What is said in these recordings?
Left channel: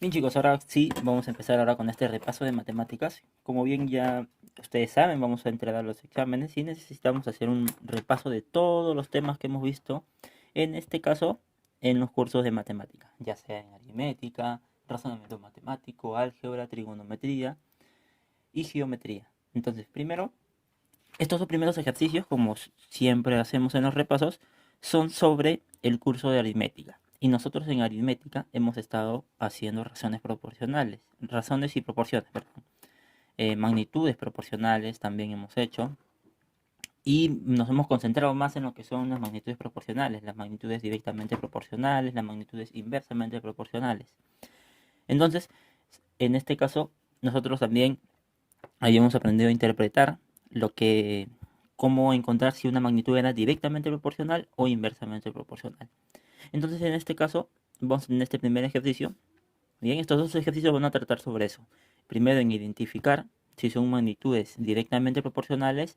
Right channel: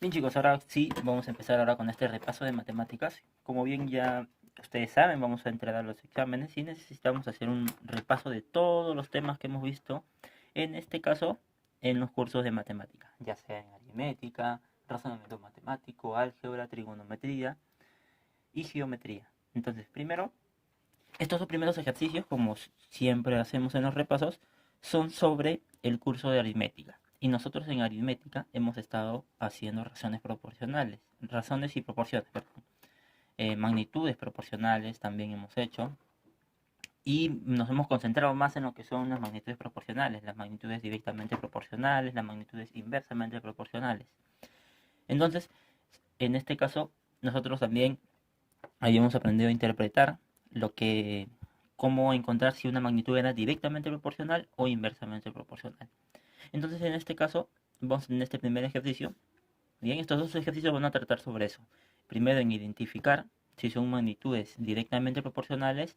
Bien chicos, ahora sí vamos a empezar ahora con este repaso de matemáticas. Como bien ya ustedes saben, vamos a entregar los exámenes y necesitamos hacer un repaso de todos los temas que hemos visto, en este caso, en los cursos de matemática, ya sea en aritmética, razonamiento matemático, álgebra, trigonometría y geometría. Entonces, primero, estos dos primeros ejercicios, como siempre hacemos en los repasos, son sobre el curso de aritmética. Y nosotros en aritmética hemos estado haciendo razones y proporciones, perdón. Magnitudes proporcionales también hemos hecho. Y nos hemos concentrado más en lo que son las magnitudes proporcionales, las magnitudes directamente proporcionales, las magnitudes inversamente proporcionales. Entonces, en este caso, nosotros también habíamos aprendido a interpretar lo que, cómo encontrar si una magnitud era directamente proporcional o inversamente proporcional. Entonces, en este caso, vamos en este primer ejercicio. Bien, estos dos ejercicios van a tratar sobre eso. Primero, en identificar si son magnitudes directamente proporcionales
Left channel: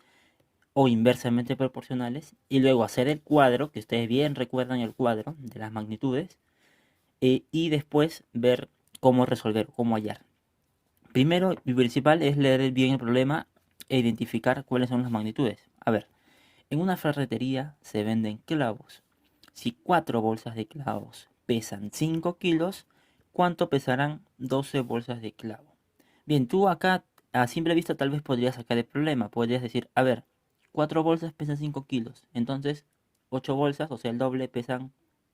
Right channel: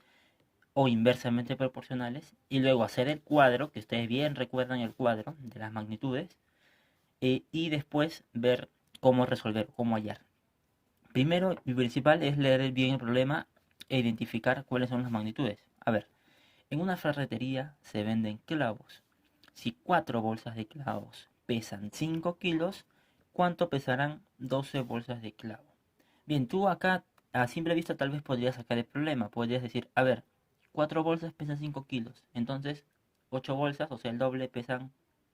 o inversamente proporcionales. Y luego hacer el cuadro, que ustedes bien recuerdan el cuadro de las magnitudes. Y después ver cómo resolver, cómo hallar. Primero y principal es leer bien el problema e identificar cuáles son las magnitudes. A ver, en una ferretería se venden clavos. Si 4 bolsas de clavos pesan 5 kilos, ¿cuánto pesarán 12 bolsas de clavo? Bien, tú acá a simple vista tal vez podrías sacar el problema. Podrías decir, a ver, 4 bolsas pesan 5 kilos. Entonces, 8 bolsas, o sea, el doble, pesan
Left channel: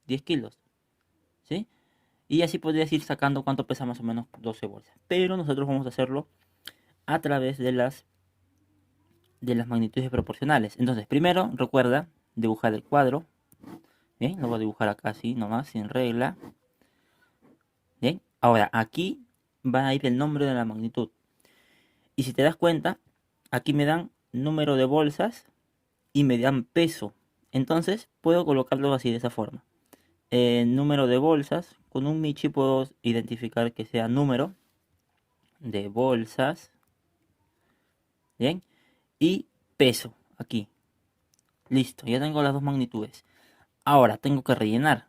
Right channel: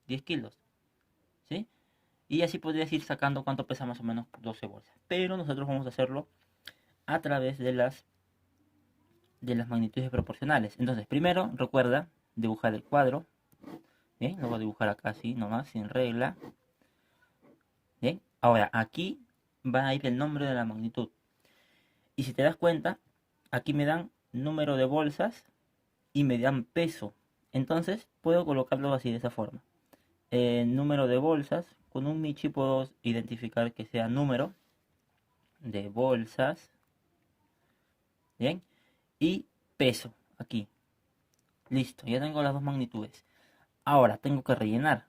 10 kilos. ¿Sí? Y así podrías ir sacando cuánto pesa más o menos 12 bolsas. Pero nosotros vamos a hacerlo a través de las magnitudes proporcionales. Entonces, primero recuerda dibujar el cuadro. Bien, lo voy a dibujar acá así nomás, sin regla. Bien, ahora aquí va a ir el nombre de la magnitud. Y si te das cuenta, aquí me dan número de bolsas y me dan peso. Entonces, puedo colocarlo así de esa forma. Número de bolsas, con un Michi puedo identificar que sea número de bolsas. Bien, y peso aquí. Listo, ya tengo las dos magnitudes. Ahora tengo que rellenar,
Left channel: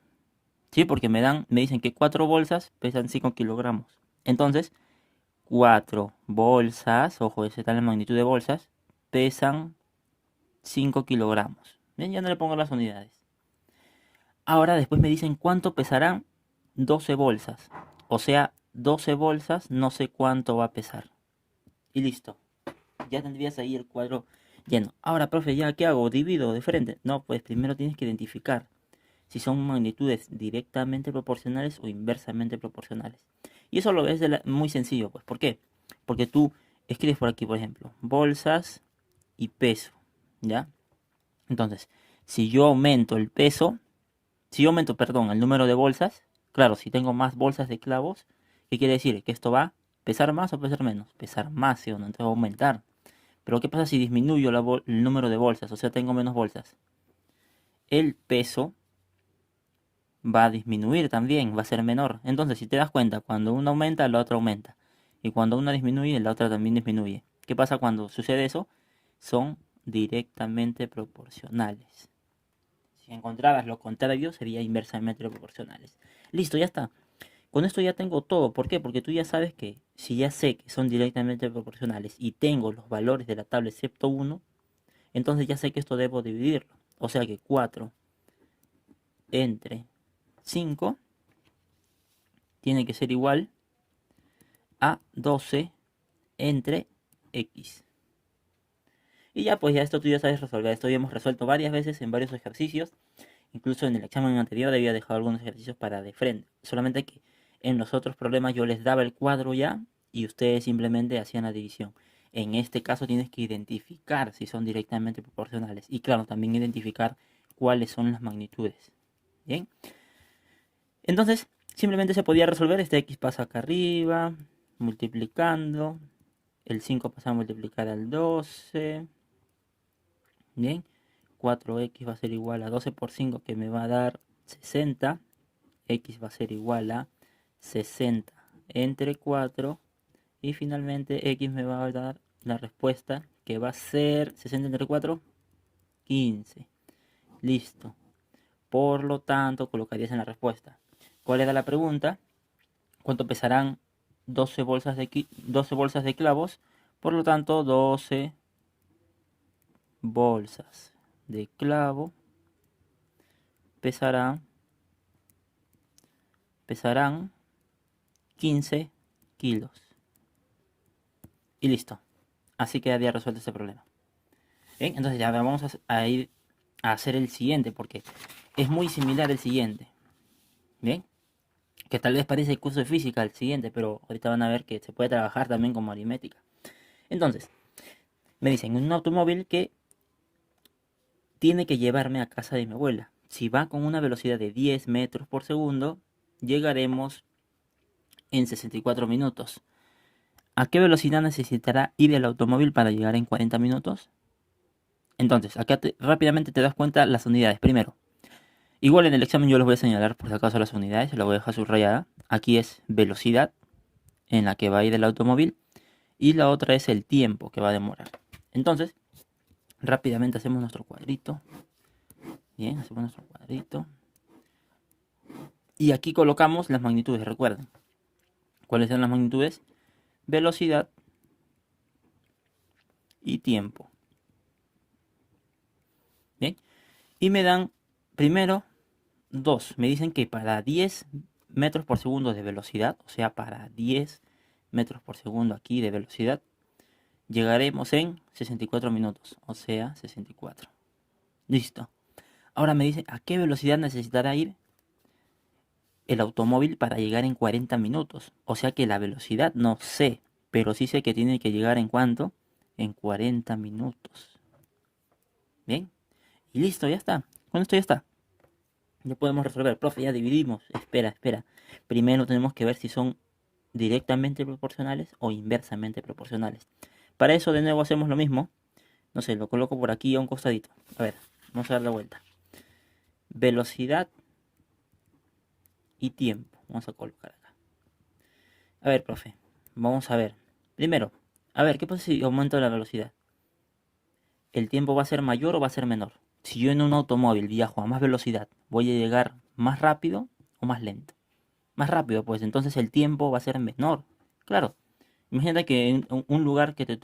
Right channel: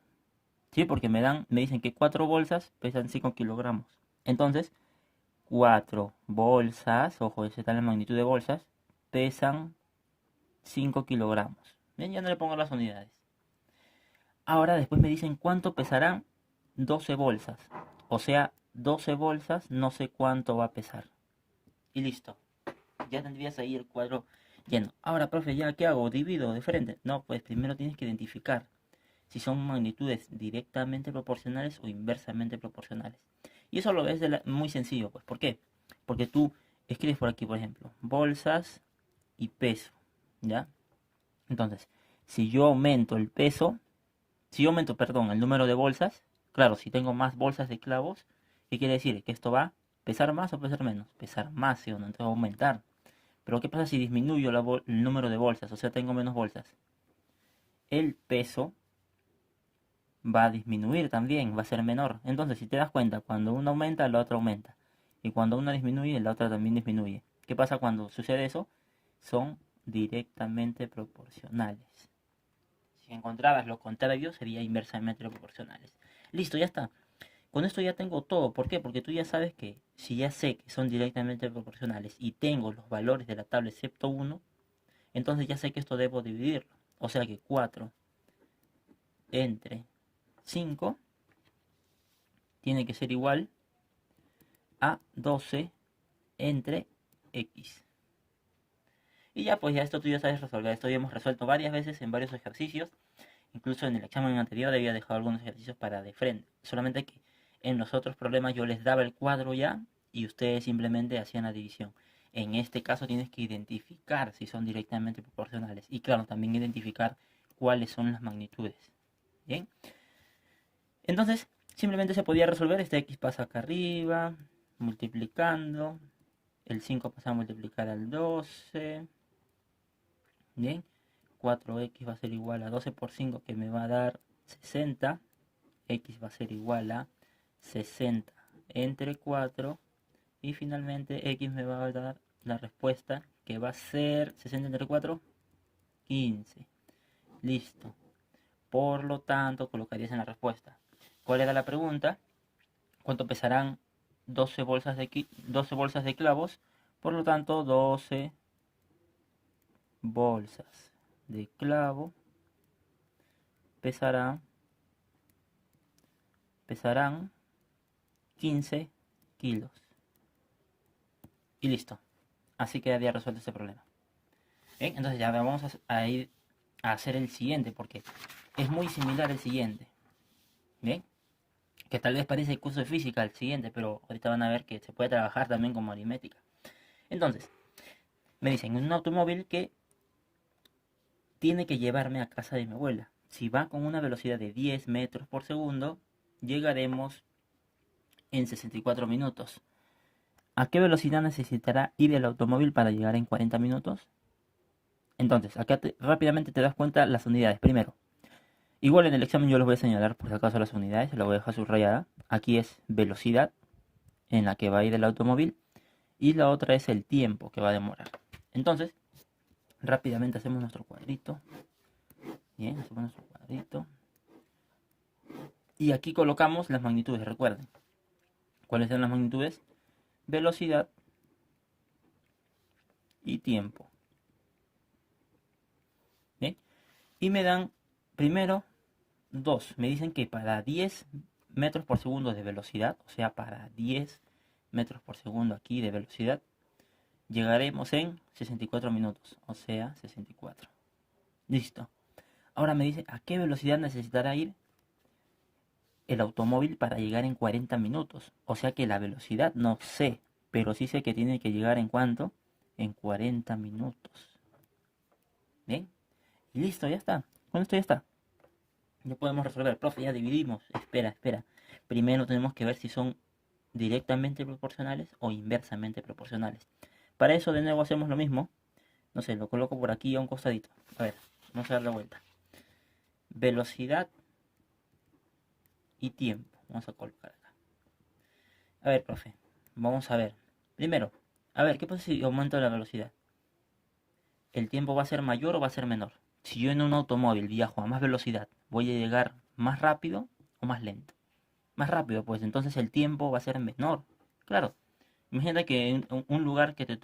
¿sí? Porque me dicen que 4 bolsas pesan 5 kilogramos. Entonces, 4 bolsas, ojo, esa está la magnitud de bolsas, pesan 5 kilogramos. Bien, ya no le pongo las unidades. Ahora después me dicen cuánto pesarán 12 bolsas. O sea, 12 bolsas, no sé cuánto va a pesar. Y listo. Ya tendrías ahí el cuadro lleno. Ahora, profe, ¿ya qué hago? ¿Divido de frente? No, pues primero tienes que identificar si son magnitudes directamente proporcionales o inversamente proporcionales. Y eso lo ves muy sencillo, pues. ¿Por qué? Porque tú escribes por aquí, por ejemplo, bolsas y peso, ¿ya? Entonces, si yo aumento el peso, si yo aumento, perdón, el número de bolsas, claro, si tengo más bolsas de clavos, ¿qué quiere decir? ¿Que esto va a pesar más o pesar menos? Pesar más, ¿sí o no? Entonces va a aumentar. Pero ¿qué pasa si disminuyo el número de bolsas? O sea, tengo menos bolsas. El peso va a disminuir también, va a ser menor. Entonces, si te das cuenta, cuando uno aumenta, la otra aumenta. Y cuando una disminuye, la otra también disminuye. ¿Qué pasa cuando sucede eso? Son directamente proporcionales. Si encontrabas lo contrario, sería inversamente proporcionales. Listo, ya está. Con esto ya tengo todo. ¿Por qué? Porque tú ya sabes que si ya sé que son directamente proporcionales y tengo los valores de la tabla excepto uno, entonces ya sé que esto debo dividirlo. O sea que 4 entre 5 tiene que ser igual a 12 entre x. Y ya pues ya esto tú ya sabes resolver. Esto ya hemos resuelto varias veces en varios ejercicios. Incluso en el examen anterior había dejado algunos ejercicios para de frente. Solamente que en los otros problemas yo les daba el cuadro ya y ustedes simplemente hacían la división. En este caso tienes que identificar si son directamente proporcionales. Y claro, también identificar cuáles son las magnitudes. Bien. Entonces, simplemente se podía resolver. Este x pasa acá arriba, multiplicando. El 5 pasa a multiplicar al 12. Bien. 4x va a ser igual a 12 por 5 que me va a dar 60. X va a ser igual a 60 entre 4. Y finalmente x me va a dar la respuesta que va a ser 60 entre 4, 15. Listo. Por lo tanto, colocarías en la respuesta. ¿Cuál era la pregunta? ¿Cuánto pesarán 12 bolsas de clavos? Por lo tanto, 12 bolsas de clavo pesarán 15 kilos. Y listo. Así quedaría resuelto este problema. Bien, entonces ya vamos a ir a hacer el siguiente porque es muy similar el siguiente. Bien, que tal vez parece el curso de física el siguiente, pero ahorita van a ver que se puede trabajar también como aritmética. Entonces, me dicen un automóvil que tiene que llevarme a casa de mi abuela. Si va con una velocidad de 10 metros por segundo, llegaremos en 64 minutos. ¿A qué velocidad necesitará ir el automóvil para llegar en 40 minutos? Entonces, acá rápidamente te das cuenta las unidades. Primero, igual en el examen yo les voy a señalar por si acaso las unidades, la voy a dejar subrayada. Aquí es velocidad en la que va a ir el automóvil y la otra es el tiempo que va a demorar. Entonces, rápidamente hacemos nuestro cuadrito. Bien, hacemos nuestro cuadrito. Y aquí colocamos las magnitudes, recuerden. ¿Cuáles son las magnitudes? Velocidad y tiempo. Bien. Y me dan primero 2. Me dicen que para 10 metros por segundo de velocidad, o sea, para 10 metros por segundo aquí de velocidad, llegaremos en 64 minutos, o sea, 64. Listo. Ahora me dicen a qué velocidad necesitará ir el automóvil para llegar en 40 minutos. O sea que la velocidad no sé, pero sí sé que tiene que llegar en cuánto, en 40 minutos. Bien, y listo, ya está. Con esto ya está. Ya podemos resolver. Profe, ya dividimos. Espera. Primero tenemos que ver si son directamente proporcionales o inversamente proporcionales. Para eso de nuevo hacemos lo mismo. No sé, lo coloco por aquí a un costadito. A ver, vamos a dar la vuelta. Velocidad y tiempo. Vamos a colocar acá. A ver, profe, vamos a ver. Primero, a ver, ¿qué pasa si aumento la velocidad? ¿El tiempo va a ser mayor o va a ser menor? Si yo en un automóvil viajo a más velocidad, ¿voy a llegar más rápido o más lento? Más rápido, pues entonces el tiempo va a ser menor. Claro, imagínate que en un lugar que te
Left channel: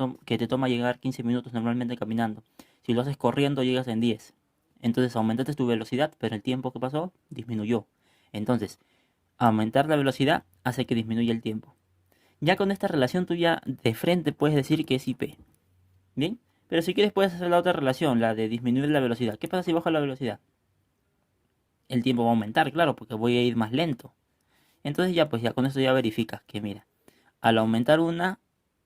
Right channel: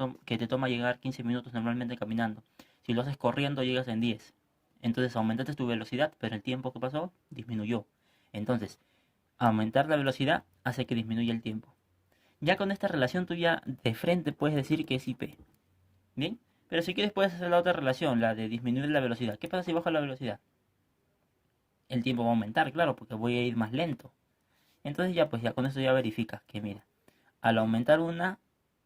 toma llegar 15 minutos normalmente caminando, si lo haces corriendo llegas en 10. Entonces aumentaste tu velocidad, pero el tiempo que pasó disminuyó. Entonces, aumentar la velocidad hace que disminuya el tiempo. Ya con esta relación tú ya de frente puedes decir que es IP. ¿Bien? Pero si quieres puedes hacer la otra relación, la de disminuir la velocidad. ¿Qué pasa si bajo la velocidad? El tiempo va a aumentar, claro, porque voy a ir más lento. Entonces ya pues ya con eso ya verificas que mira, al aumentar una,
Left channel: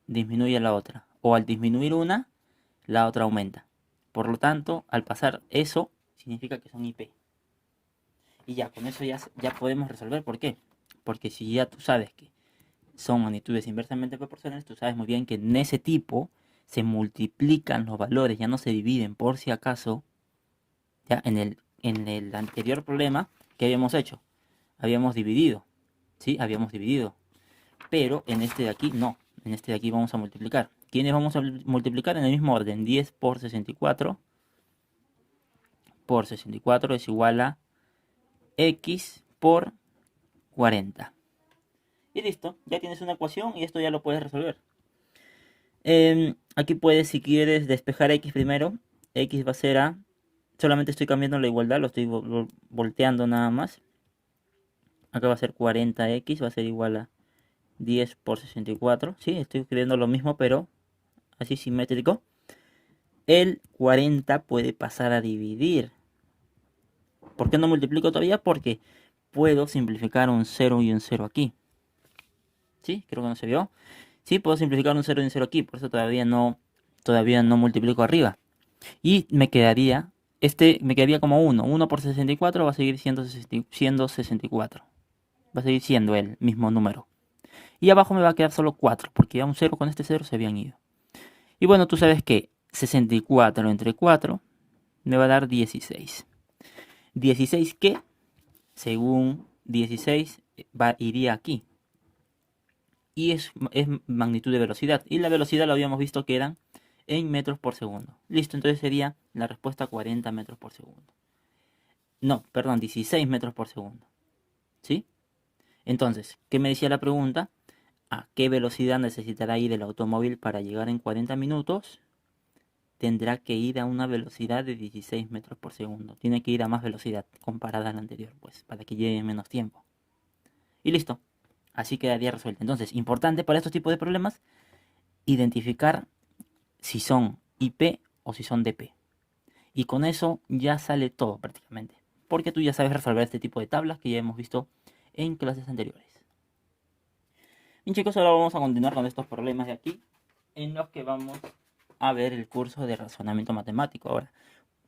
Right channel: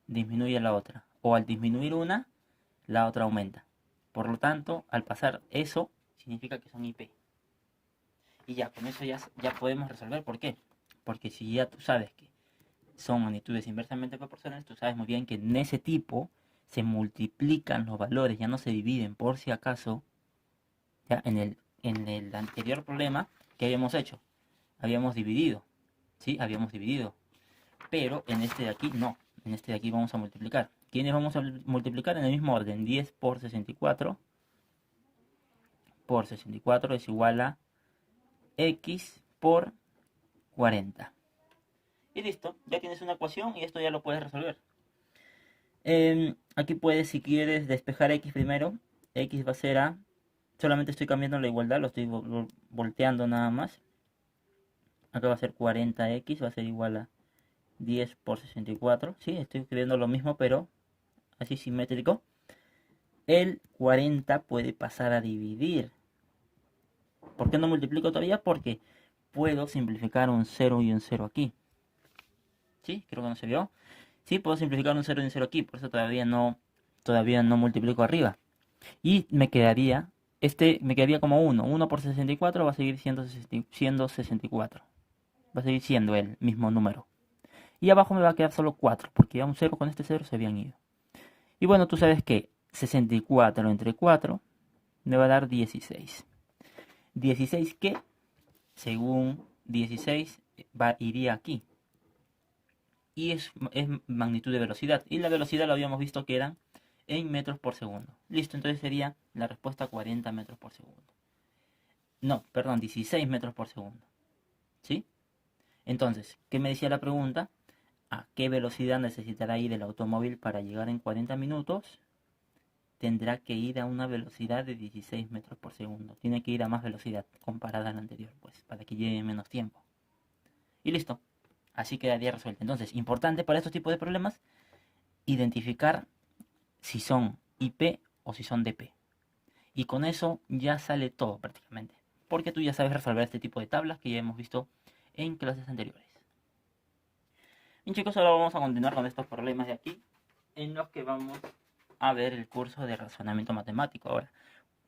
disminuye la otra. O al disminuir una, la otra aumenta. Por lo tanto, al pasar eso, significa que son IP. Y ya con eso ya podemos resolver. ¿Por qué? Porque si ya tú sabes que son magnitudes inversamente proporcionales, tú sabes muy bien que en ese tipo se multiplican los valores, ya no se dividen por si acaso. Ya en el anterior problema, ¿qué habíamos hecho? Habíamos dividido, ¿sí? Habíamos dividido. Pero en este de aquí no, en este de aquí vamos a multiplicar. ¿Quiénes vamos a multiplicar? En el mismo orden, 10 por 64 es igual a x por 40. Y listo, ya tienes una ecuación y esto ya lo puedes resolver. Aquí puedes, si quieres, despejar x primero. X va a ser a... Solamente estoy cambiando la igualdad, lo estoy volteando nada más. Acá va a ser 40x, va a ser igual a 10 por 64. Sí, estoy escribiendo lo mismo, pero así simétrico. El 40 puede pasar a dividir. ¿Por qué no multiplico todavía? Porque puedo simplificar un 0 y un 0 aquí. ¿Sí? Creo que no se vio. Sí, puedo simplificar un 0 y un 0 aquí, por eso todavía no multiplico arriba. Y me quedaría como 1. 1 por 64 va a seguir siendo 64. Va a seguir siendo el mismo número. Y abajo me va a quedar solo 4, porque ya un 0 con este 0 se habían ido. Y bueno, tú sabes que 64 entre 4 me va a dar 16. 16 que, según 16, iría aquí. Y es magnitud de velocidad. Y la velocidad lo habíamos visto que eran en metros por segundo. Listo, entonces sería la respuesta 40 metros por segundo. No, perdón, 16 metros por segundo. ¿Sí? Entonces, ¿qué me decía la pregunta? ¿A qué velocidad necesitará ir el automóvil para llegar en 40 minutos? Tendrá que ir a una velocidad de 16 metros por segundo. Tiene que ir a más velocidad comparada a la anterior, pues, para que lleve menos tiempo. Y listo. Así quedaría resuelto. Entonces, importante para estos tipos de problemas, identificar si son IP o si son DP. Y con eso ya sale todo prácticamente. Porque tú ya sabes resolver este tipo de tablas que ya hemos visto en clases anteriores. Bien chicos, ahora vamos a continuar con estos problemas de aquí, en los que vamos a ver el curso de razonamiento matemático ahora.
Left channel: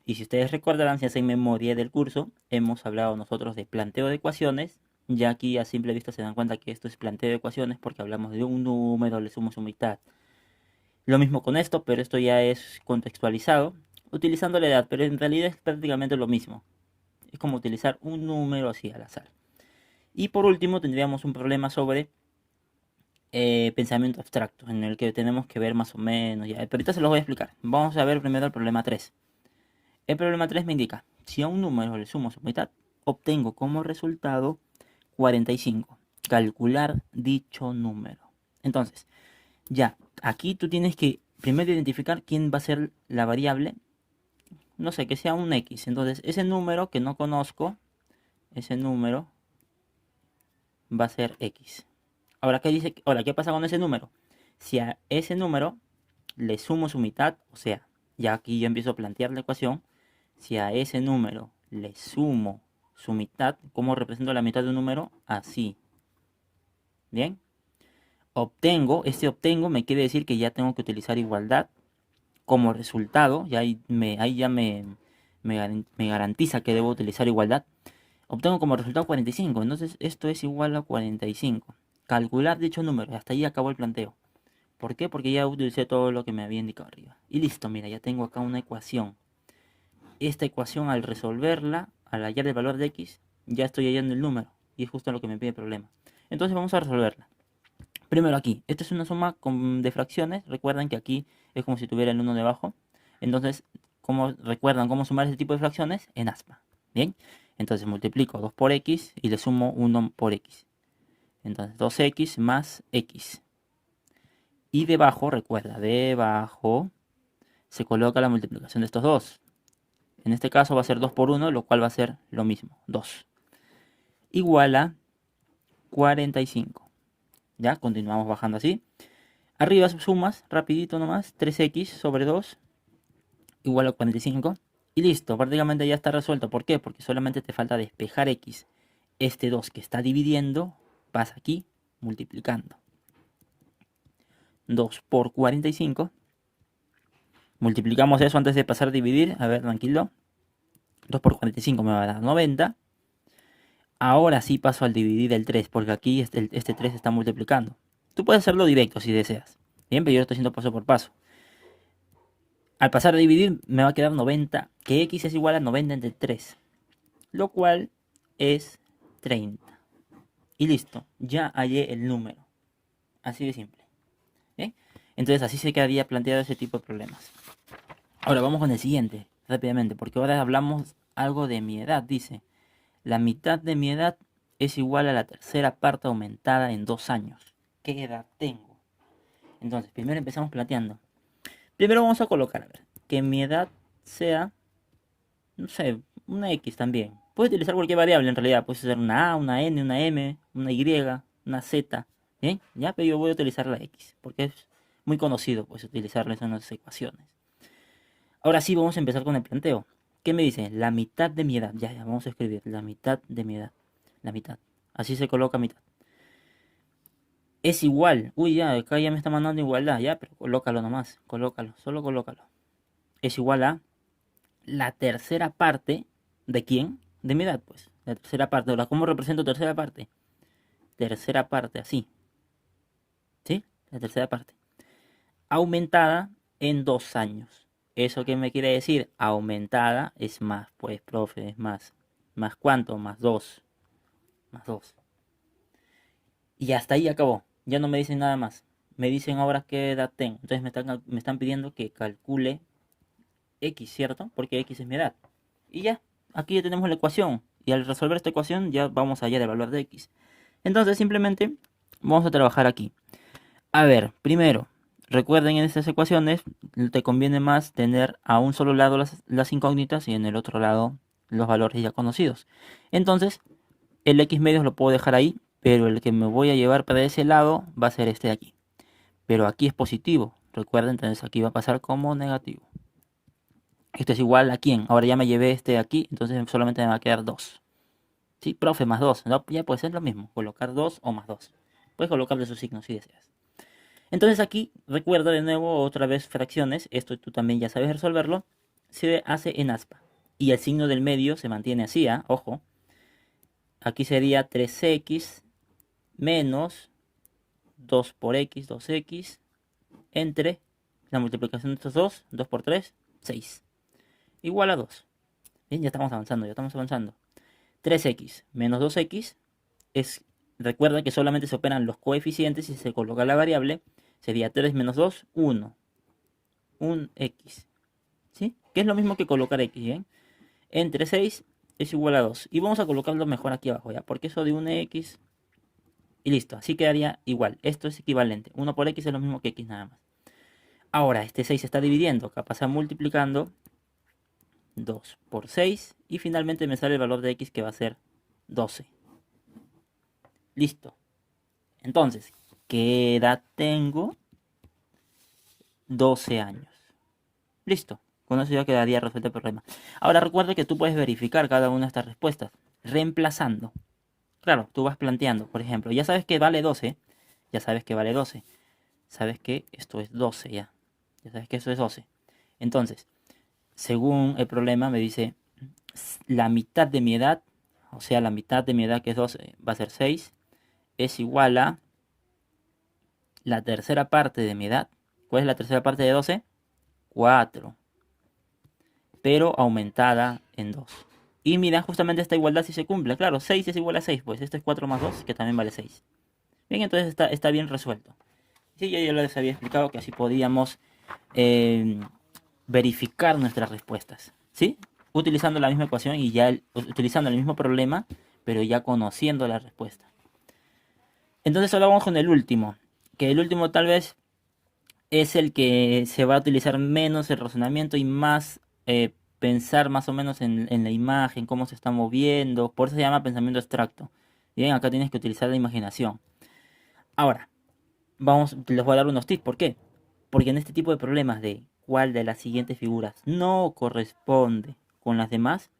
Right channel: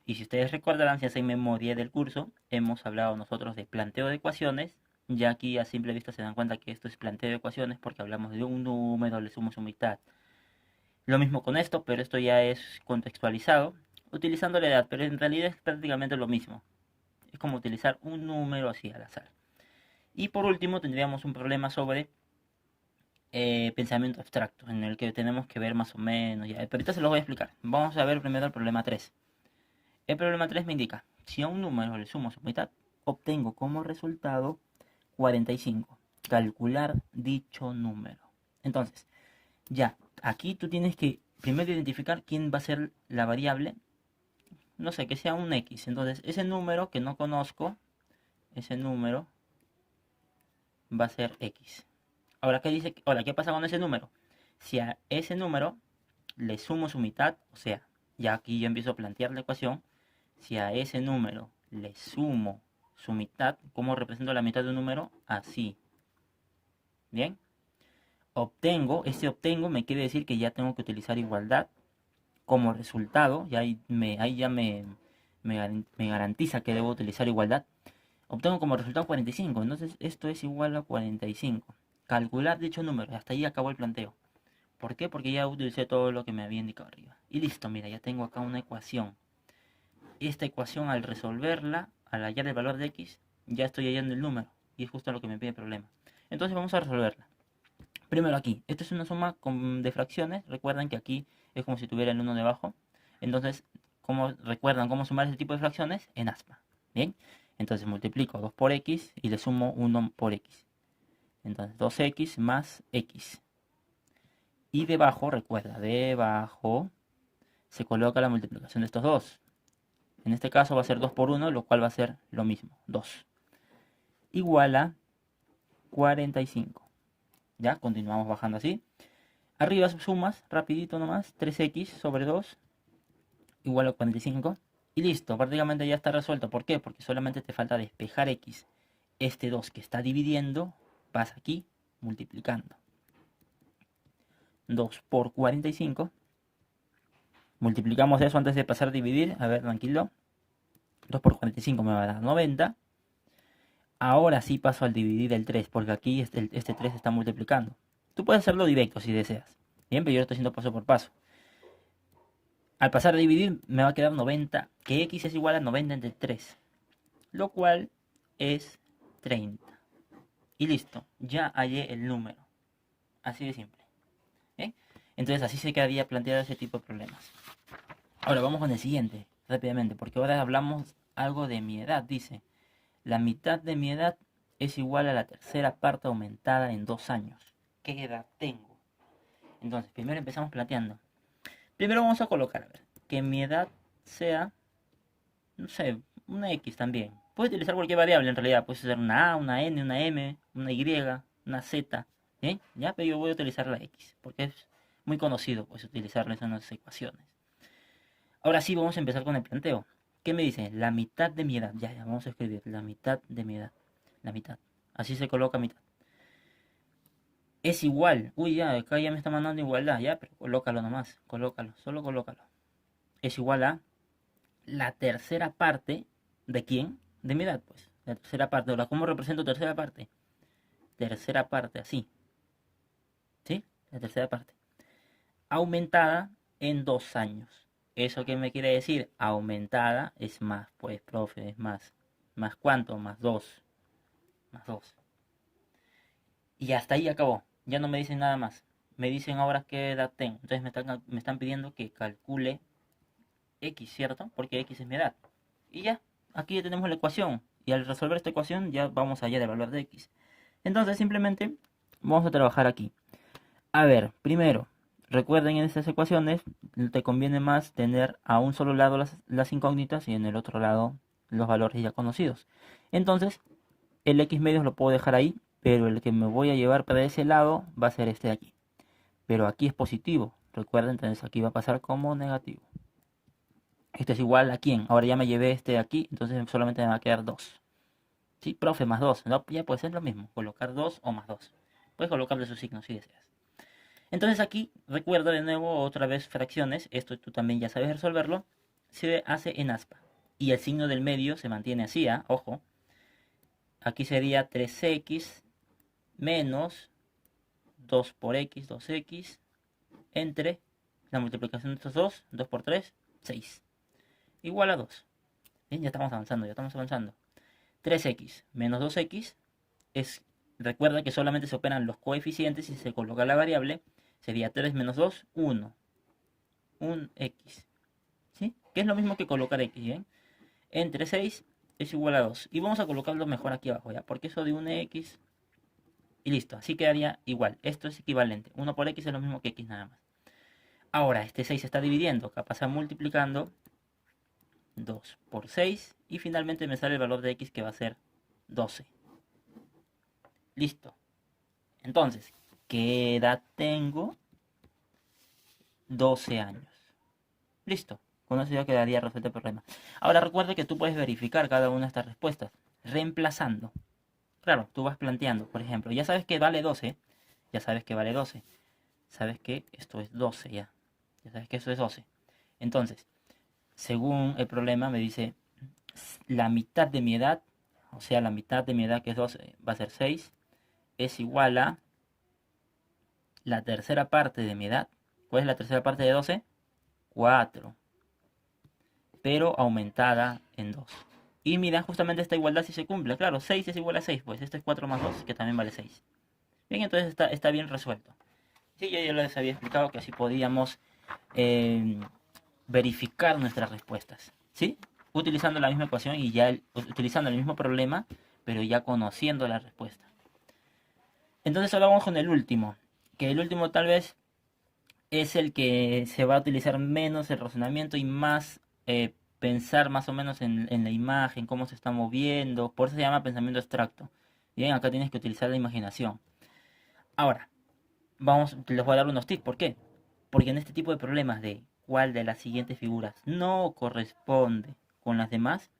Y si ustedes recordarán, si hacen memoria del curso, hemos hablado nosotros de planteo de ecuaciones. Ya aquí a simple vista se dan cuenta que esto es planteo de ecuaciones porque hablamos de un número, le sumo su mitad. Lo mismo con esto, pero esto ya es contextualizado, utilizando la edad, pero en realidad es prácticamente lo mismo. Es como utilizar un número así al azar. Y por último tendríamos un problema sobre pensamiento abstracto, en el que tenemos que ver más o menos, ya. Pero ahorita se los voy a explicar. Vamos a ver primero el problema 3. El problema 3 me indica, si a un número le sumo su mitad, obtengo como resultado 45. Calcular dicho número. Entonces, ya, aquí tú tienes que primero identificar quién va a ser la variable, no sé, que sea un X. Entonces, ese número que no conozco, ese número va a ser X. Ahora, ¿qué pasa con ese número? Si a ese número le sumo su mitad, o sea, ya aquí yo empiezo a plantear la ecuación, si a ese número le sumo su mitad, ¿cómo represento la mitad de un número? Así. ¿Bien? Obtengo me quiere decir que ya tengo que utilizar igualdad como resultado, ya ahí ya me garantiza que debo utilizar igualdad. Obtengo como resultado 45, entonces esto es igual a 45. Calcular dicho número, hasta ahí acabó el planteo. ¿Por qué? Porque ya utilicé todo lo que me había indicado arriba. Y listo, mira, ya tengo acá una ecuación. Esta ecuación al resolverla, al hallar el valor de x, ya estoy hallando el número. Y es justo lo que me pide el problema. Entonces vamos a resolverla. Primero aquí, esta es una suma de fracciones. Recuerden que aquí es como si tuviera el 1 debajo. Entonces, ¿recuerdan cómo sumar ese tipo de fracciones? En aspa. Bien, entonces multiplico 2 por x y le sumo 1 por x. Entonces 2x más x. Y debajo, recuerda, debajo se coloca la multiplicación de estos dos. En este caso va a ser 2 por 1, lo cual va a ser lo mismo, 2. Igual a 45. Ya, continuamos bajando así. Arriba sumas, rapidito nomás, 3x sobre 2 igual a 45. Y listo, prácticamente ya está resuelto. ¿Por qué? Porque solamente te falta despejar x. Este 2 que está dividiendo, vas aquí multiplicando. 2 por 45. Multiplicamos eso antes de pasar a dividir. A ver, tranquilo. 2 por 45 me va a dar 90. Ahora sí paso al dividir el 3, porque aquí este 3 está multiplicando. Tú puedes hacerlo directo si deseas. Bien, pero yo lo estoy haciendo paso por paso. Al pasar a dividir me va a quedar 90, que x es igual a 90 entre 3, lo cual es 30. Y listo, ya hallé el número. Así de simple. ¿Bien? Entonces así se quedaría planteado ese tipo de problemas. Ahora vamos con el siguiente, rápidamente, porque ahora hablamos algo de mi edad. Dice, la mitad de mi edad es igual a la tercera parte aumentada en 2 años. ¿Qué edad tengo? Entonces, primero empezamos planteando. Primero vamos a colocar, a ver, que mi edad sea, no sé, una X también. Puedes utilizar cualquier variable en realidad. Puedes usar una A, una N, una M, una Y, una Z. ¿Bien? Ya, pero yo voy a utilizar la X, porque es muy conocido pues utilizarla en las ecuaciones. Ahora sí vamos a empezar con el planteo. ¿Qué me dice? La mitad de mi edad. Ya, vamos a escribir. La mitad de mi edad. La mitad. Así se coloca mitad. Es igual. Uy, ya, acá ya me está mandando igualdad. Ya, pero colócalo nomás. Colócalo. Solo colócalo. Es igual a la tercera parte. ¿De quién? De mi edad, pues. La tercera parte. Ahora, ¿cómo represento tercera parte? Tercera parte, así. ¿Sí? La tercera parte. Aumentada en 2 años. ¿Eso qué me quiere decir? Aumentada es más, pues, profe, es más. ¿Más cuánto? Más 2. Más 2. Y hasta ahí acabó. Ya no me dicen nada más. Me dicen ahora qué edad tengo. Entonces me están pidiendo que calcule X, ¿cierto? Porque X es mi edad. Y ya, aquí ya tenemos la ecuación. Y al resolver esta ecuación ya vamos a hallar el valor de X. Entonces simplemente vamos a trabajar aquí. A ver, primero, recuerden en estas ecuaciones, te conviene más tener a un solo lado las incógnitas y en el otro lado los valores ya conocidos. Entonces, el x medios lo puedo dejar ahí, pero el que me voy a llevar para ese lado va a ser este de aquí. Pero aquí es positivo, recuerden, entonces aquí va a pasar como negativo. Esto es igual a quién. Ahora ya me llevé este de aquí, entonces solamente me va a quedar 2. Sí, profe, más 2. ¿No? Ya puede ser lo mismo, colocar 2 o más 2. Puedes colocarle su signo si deseas. Entonces aquí, recuerda de nuevo otra vez fracciones, esto tú también ya sabes resolverlo, se hace en aspa. Y el signo del medio se mantiene así, ¿eh? Ojo. Aquí sería 3x menos 2 por x, 2x, entre la multiplicación de estos dos, 2 por 3, 6. Igual a 2. Bien, ya estamos avanzando, ya estamos avanzando. 3x menos 2x es, recuerda que solamente se operan los coeficientes y se coloca la variable, sería 3 menos 2, 1. Un x. ¿Sí? Que es lo mismo que colocar x, ¿eh? Entre 6 es igual a 2. Y vamos a colocarlo mejor aquí abajo, ¿ya? Porque eso de un x y listo. Así quedaría igual. Esto es equivalente. 1 por x es lo mismo que x nada más. Ahora, este 6 se está dividiendo. Acá pasa multiplicando 2 por 6. Y finalmente me sale el valor de x que va a ser 12. Listo. Entonces, ¿qué edad tengo? 12 años. Listo. Con eso ya quedaría resuelto el problema. Ahora recuerda que tú puedes verificar cada una de estas respuestas reemplazando. Claro, tú vas planteando, por ejemplo, ya sabes que vale 12, ya sabes que vale 12, sabes que esto es 12 ya, ya sabes que eso es 12. Entonces, según el problema me dice, la mitad de mi edad, o sea, la mitad de mi edad que es 12 va a ser 6, es igual a la tercera parte de mi edad. ¿Cuál es la tercera parte de 12? 4, pero aumentada en 2. Y mira, justamente esta igualdad si se cumple. Claro, 6 es igual a 6, pues esto es 4 más 2, que también vale 6. Bien, entonces está bien resuelto. Sí, yo les había explicado que así podíamos eh, verificar nuestras respuestas. ¿Sí? Utilizando la misma ecuación y ya utilizando el mismo problema, pero ya conociendo la respuesta. Entonces ahora vamos con el último. Que el último tal vez es el que se va a utilizar menos el razonamiento y más pensar más o menos en la imagen, cómo se está moviendo. Por eso se llama pensamiento abstracto. Bien, acá tienes que utilizar la imaginación. Ahora, les voy a dar unos tips. ¿Por qué? Porque en este tipo de problemas de cuál de las siguientes figuras no corresponde con las demás,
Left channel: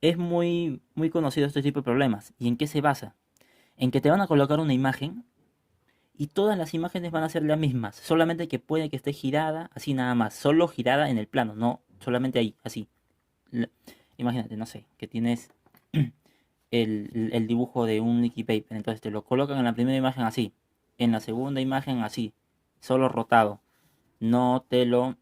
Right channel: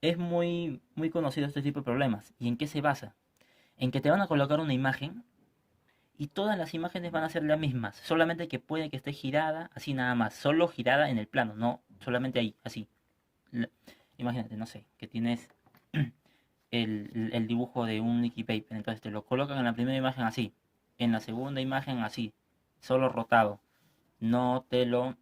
es muy conocido este tipo de problemas. ¿Y en qué se basa? En que te van a colocar una imagen y todas las imágenes van a ser las mismas, solamente que puede que esté girada, así nada más, solo girada en el plano, no solamente ahí, así. Imagínate, no sé, que tienes el dibujo de un Nicky Paper, entonces te lo colocan en la primera imagen así, en la segunda imagen así, solo rotado, no te lo,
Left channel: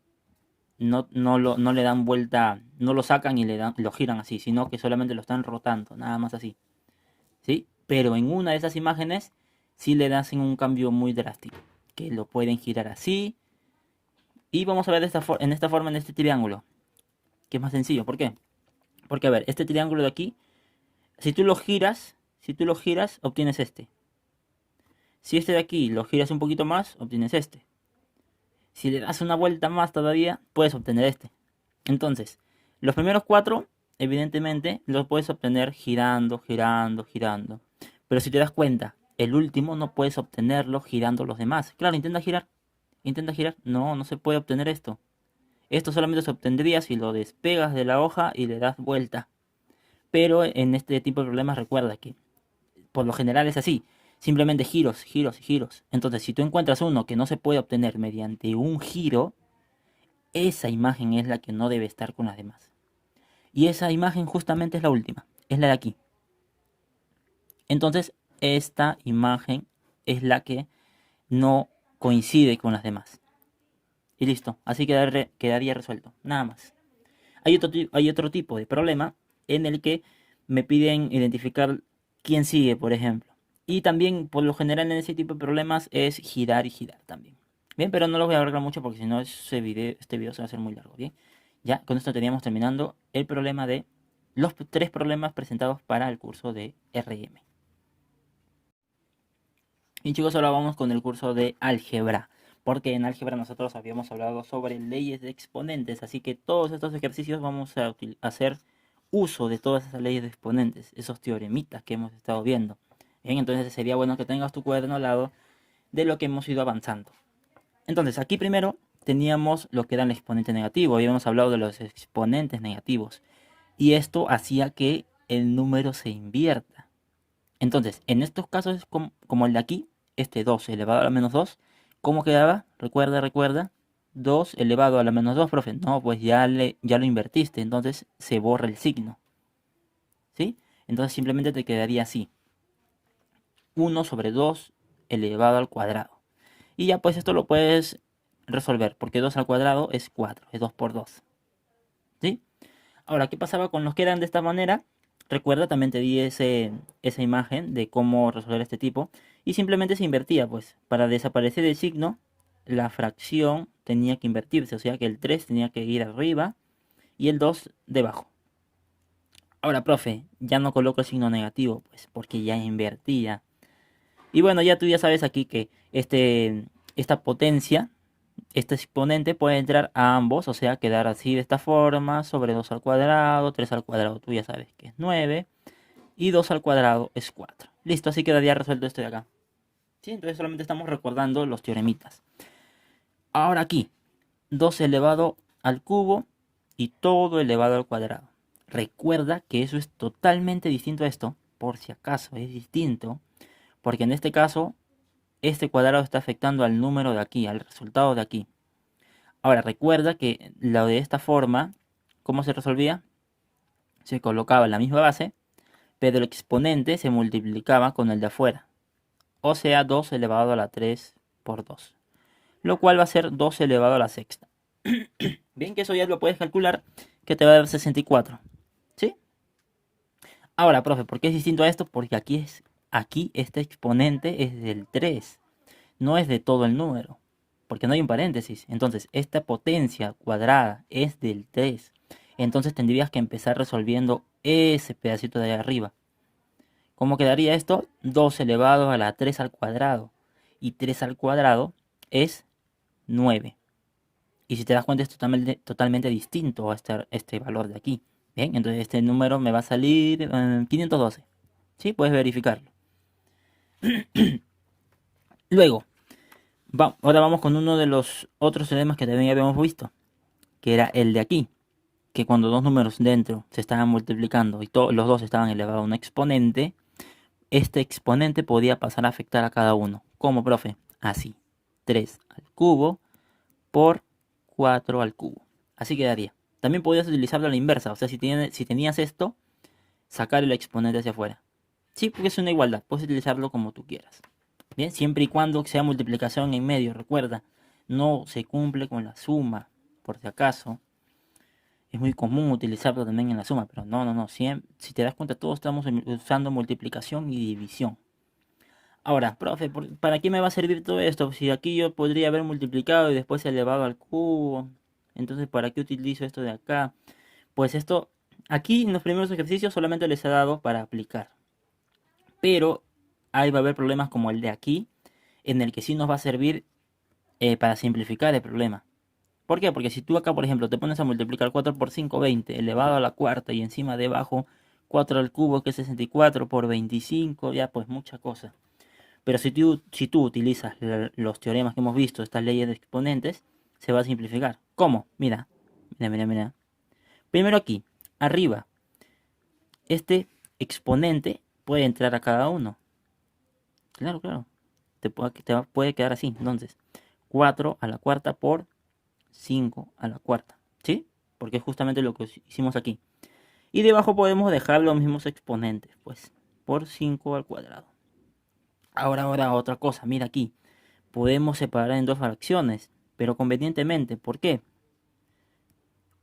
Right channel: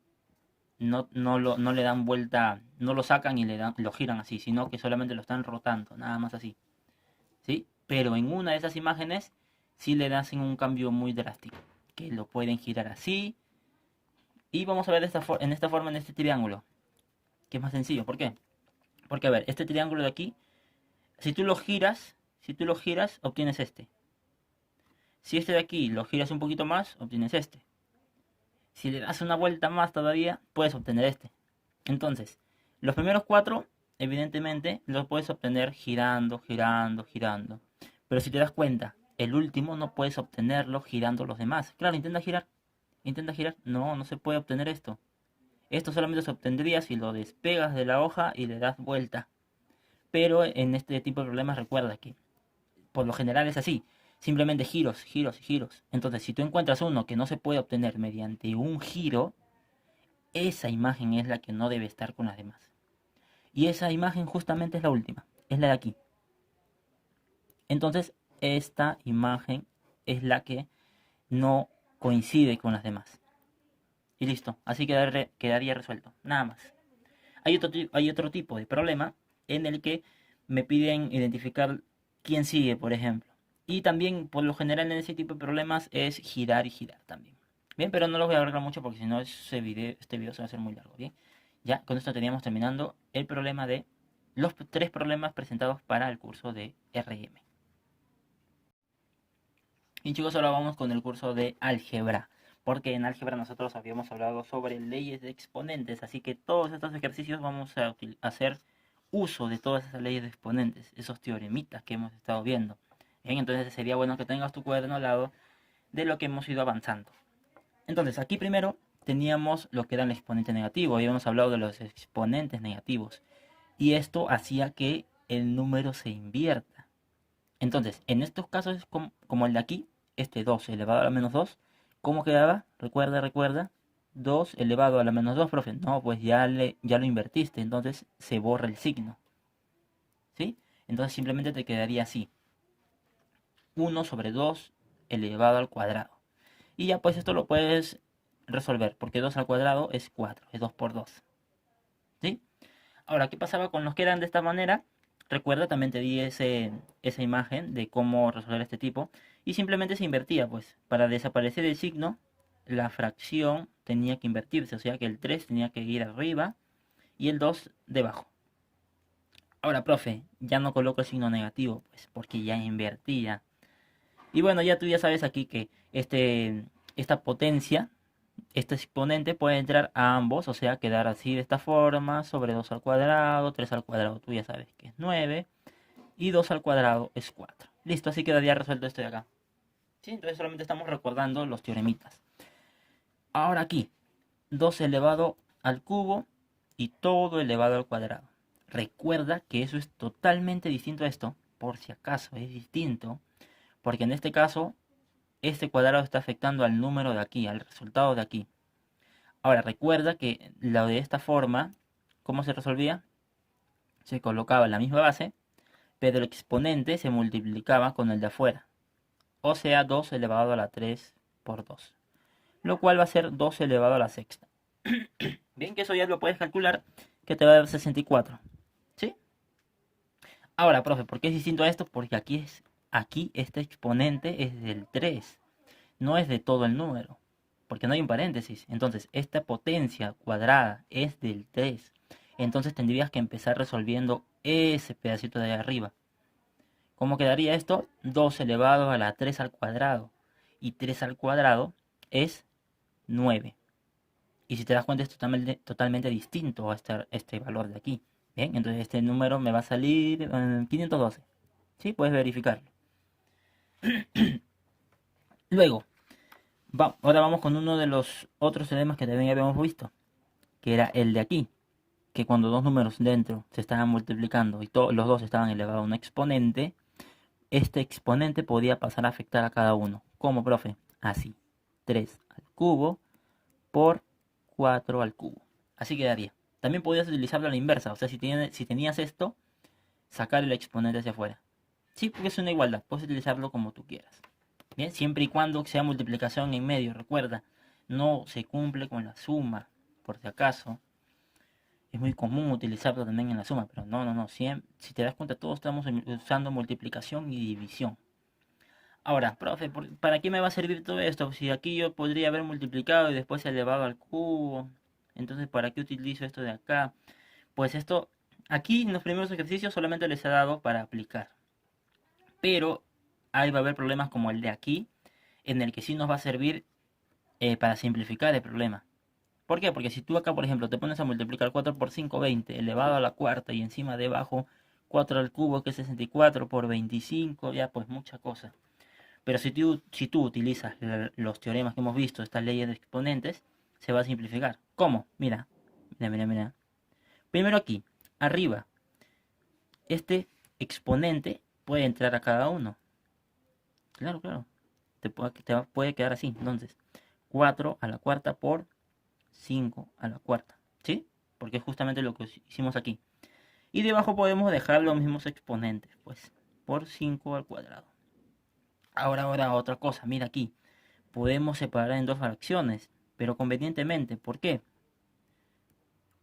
no le dan vuelta, no lo sacan y lo giran así, sino que solamente lo están rotando, nada más así, ¿sí? Pero en una de esas imágenes sí le hacen un cambio muy drástico, que lo pueden girar así, y vamos a ver en esta forma, en este triángulo, que es más sencillo, ¿por qué? Porque a ver, este triángulo de aquí, si tú lo giras, obtienes este. Si este de aquí lo giras un poquito más, obtienes este. Si le das una vuelta más todavía, puedes obtener este. Entonces, los primeros cuatro, evidentemente, los puedes obtener girando, girando, girando. Pero si te das cuenta, el último no puedes obtenerlo girando los demás. Claro, intenta girar. Intenta girar. No, no se puede obtener esto. Esto solamente se obtendría si lo despegas de la hoja y le das vuelta. Pero en este tipo de problemas recuerda que por lo general es así. Simplemente giros, giros, giros. Entonces, si tú encuentras uno que no se puede obtener mediante un giro, esa imagen es la que no debe estar con las demás. Y esa imagen justamente es la última, es la de aquí. Entonces, esta imagen es la que no coincide con las demás. Y listo, así quedaría resuelto, nada más. Hay otro tipo de problema en el que me piden identificar quién sigue, por ejemplo. Y también, por lo general, en ese tipo de problemas es girar y girar también. Bien, pero no lo voy a alargar mucho porque si no este video se va a hacer muy largo. Bien, ya con esto estaríamos terminando el problema de los tres problemas presentados para el curso de RM. Y chicos, ahora vamos con el curso de álgebra, porque en álgebra nosotros habíamos hablado sobre leyes de exponentes, así que todos estos ejercicios vamos a hacer uso de todas esas leyes de exponentes, esos teoremitas que hemos estado viendo. Bien, entonces sería bueno que tengas tu cuaderno al lado de lo que hemos ido avanzando. Entonces, aquí primero teníamos lo que era el exponente negativo, habíamos hablado de los exponentes negativos, y esto hacía que el número se invierta. Entonces, en estos casos, como el de aquí, este 2 elevado a la menos 2, ¿cómo quedaba? Recuerda. 2 elevado a la menos 2, profe. No, pues ya lo invertiste, entonces se borra el signo. ¿Sí? Entonces simplemente te quedaría así. 1 sobre 2 elevado al cuadrado. Y ya pues esto lo puedes resolver, porque 2 al cuadrado es 4, es 2 por 2. ¿Sí? Ahora, ¿qué pasaba con los que eran de esta manera? Recuerda, también te di esa imagen de cómo resolver este tipo. Y simplemente se invertía, pues. Para desaparecer el signo, la fracción tenía que invertirse. O sea que el 3 tenía que ir arriba y el 2 debajo. Ahora, profe, ya no coloco el signo negativo, pues, porque ya invertía. Y bueno, ya tú ya sabes aquí que esta potencia, este exponente puede entrar a ambos, o sea, quedar así de esta forma, sobre 2 al cuadrado, 3 al cuadrado, tú ya sabes que es 9, y 2 al cuadrado es 4. Listo, así quedaría resuelto esto de acá. ¿Sí? Entonces solamente estamos recordando los teoremitas. Ahora aquí, 2 elevado al cubo y todo elevado al cuadrado. Recuerda que eso es totalmente distinto a esto, por si acaso es distinto, porque en este caso, este cuadrado está afectando al número de aquí, al resultado de aquí. Ahora, recuerda que lo de esta forma, ¿cómo se resolvía? Se colocaba en la misma base, pero el exponente se multiplicaba con el de afuera. O sea, 2 elevado a la 3 por 2. Lo cual va a ser 2 elevado a la sexta. Bien, que eso ya lo puedes calcular, que te va a dar 64. ¿Sí? Ahora, profe, ¿por qué es distinto a esto? Porque aquí este exponente es del 3, no es de todo el número, porque no hay un paréntesis. Entonces, esta potencia cuadrada es del 3. Entonces tendrías que empezar resolviendo ese pedacito de ahí arriba. ¿Cómo quedaría esto? 2 elevado a la 3 al cuadrado. Y 3 al cuadrado es 9. Y si te das cuenta es totalmente distinto a este valor de aquí. Bien, entonces este número me va a salir 512. ¿Sí? Puedes verificarlo. Luego, ahora vamos con uno de los otros teoremas que también habíamos visto, que era el de aquí, que cuando dos números dentro se estaban multiplicando y los dos estaban elevados a un exponente, este exponente podía pasar a afectar a cada uno. ¿Cómo, profe? Así. 3 al cubo por 4 al cubo. Así quedaría. También podías utilizarlo a la inversa. O sea, si tenías esto, sacar el exponente hacia afuera. Sí, porque es una igualdad. Puedes utilizarlo como tú quieras. Bien, siempre y cuando sea multiplicación en medio. Recuerda, no se cumple con la suma. Por si acaso. Es muy común utilizarlo también en la suma. Pero no. Si te das cuenta, todos estamos usando multiplicación y división. Ahora, profe, ¿para qué me va a servir todo esto? Si aquí yo podría haber multiplicado y después elevado al cubo. Entonces, ¿para qué utilizo esto de acá? Pues esto, aquí en los primeros ejercicios solamente les he dado para aplicar. Pero ahí va a haber problemas como el de aquí, en el que sí nos va a servir para simplificar el problema. ¿Por qué? Porque si tú acá, por ejemplo, te pones a multiplicar 4 por 5, 20, elevado a la cuarta y encima debajo 4 al cubo, que es 64 por 25, ya pues mucha cosa. Pero si tú utilizas los teoremas que hemos visto, estas leyes de exponentes, se va a simplificar. ¿Cómo? Mira. Primero aquí, arriba, este exponente puede entrar a cada uno. Claro. Puede quedar así. Entonces, 4 a la cuarta por 5 a la cuarta. ¿Sí? Porque es justamente lo que hicimos aquí. Y debajo podemos dejar los mismos exponentes, pues, por 5 al cuadrado. Ahora otra cosa, mira aquí. Podemos separar en dos fracciones, pero convenientemente. ¿Por qué?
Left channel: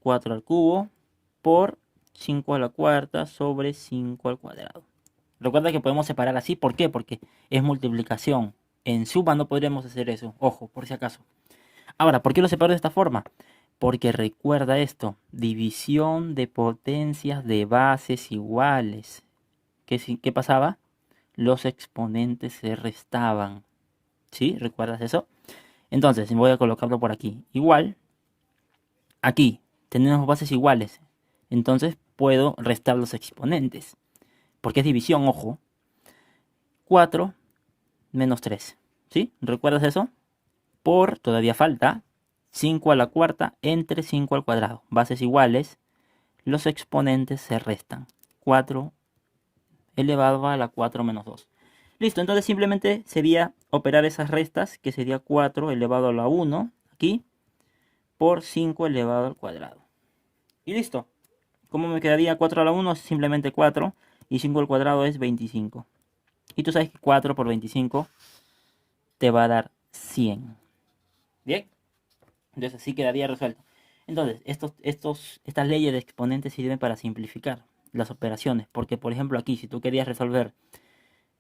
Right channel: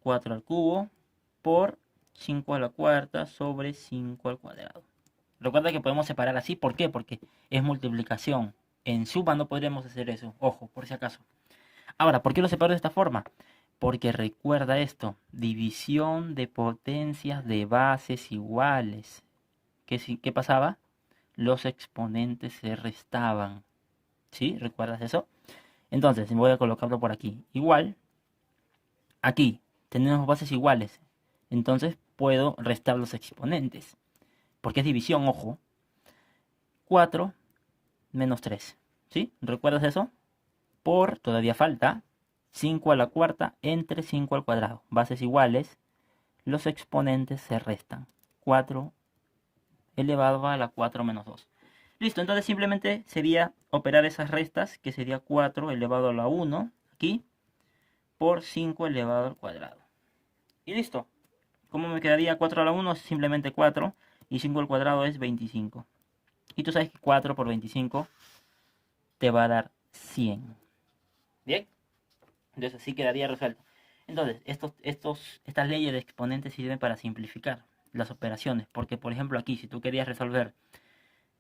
4 al cubo por 5 a la cuarta sobre 5 al cuadrado. Recuerda que podemos separar así. ¿Por qué? Porque es multiplicación. En suma no podríamos hacer eso. Ojo, por si acaso. Ahora, ¿por qué lo separo de esta forma? Porque recuerda esto. División de potencias de bases iguales. ¿Qué pasaba? Los exponentes se restaban. ¿Sí? ¿Recuerdas eso? Entonces, voy a colocarlo por aquí. Igual, aquí tenemos bases iguales. Entonces, puedo restar los exponentes. Porque es división, ojo. 4 menos 3. ¿Sí? ¿Recuerdas eso? Por, todavía falta, 5 a la cuarta entre 5 al cuadrado. Bases iguales, los exponentes se restan. 4 elevado a la 4 menos 2. Listo, entonces simplemente sería operar esas restas, que sería 4 elevado a la 1, aquí, por 5 elevado al cuadrado. Y listo. ¿Cómo me quedaría 4 a la 1? Simplemente 4, y 5 al cuadrado es 25. Y tú sabes que 4 por 25 te va a dar 100. Bien, entonces así quedaría resuelto. Entonces, estas leyes de exponentes sirven para simplificar las operaciones. Porque, por ejemplo, aquí, si tú querías resolver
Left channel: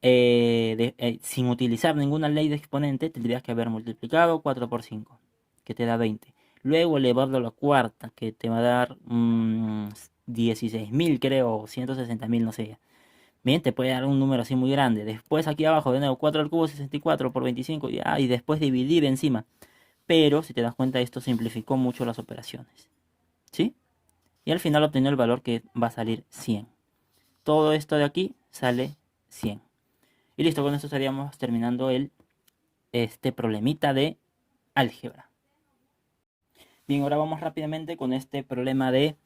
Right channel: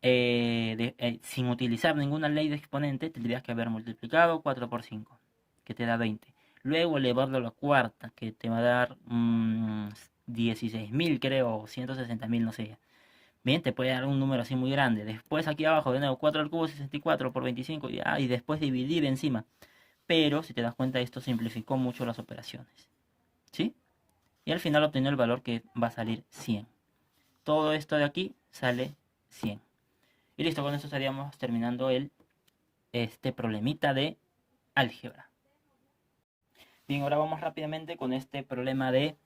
sin utilizar ninguna ley de exponente, tendrías que haber multiplicado 4 por 5, que te da 20. Luego elevarlo a la cuarta, que te va a dar 16.000, creo, 160.000, no sé. Bien, te puede dar un número así muy grande. Después aquí abajo, de nuevo, 4 al cubo, 64 por 25, y después dividir encima. Pero, si te das cuenta, esto simplificó mucho las operaciones. ¿Sí? Y al final obtener el valor que va a salir 100. Todo esto de aquí sale 100. Y listo, con esto estaríamos terminando este problemita de álgebra. Bien, ahora vamos rápidamente con este problema de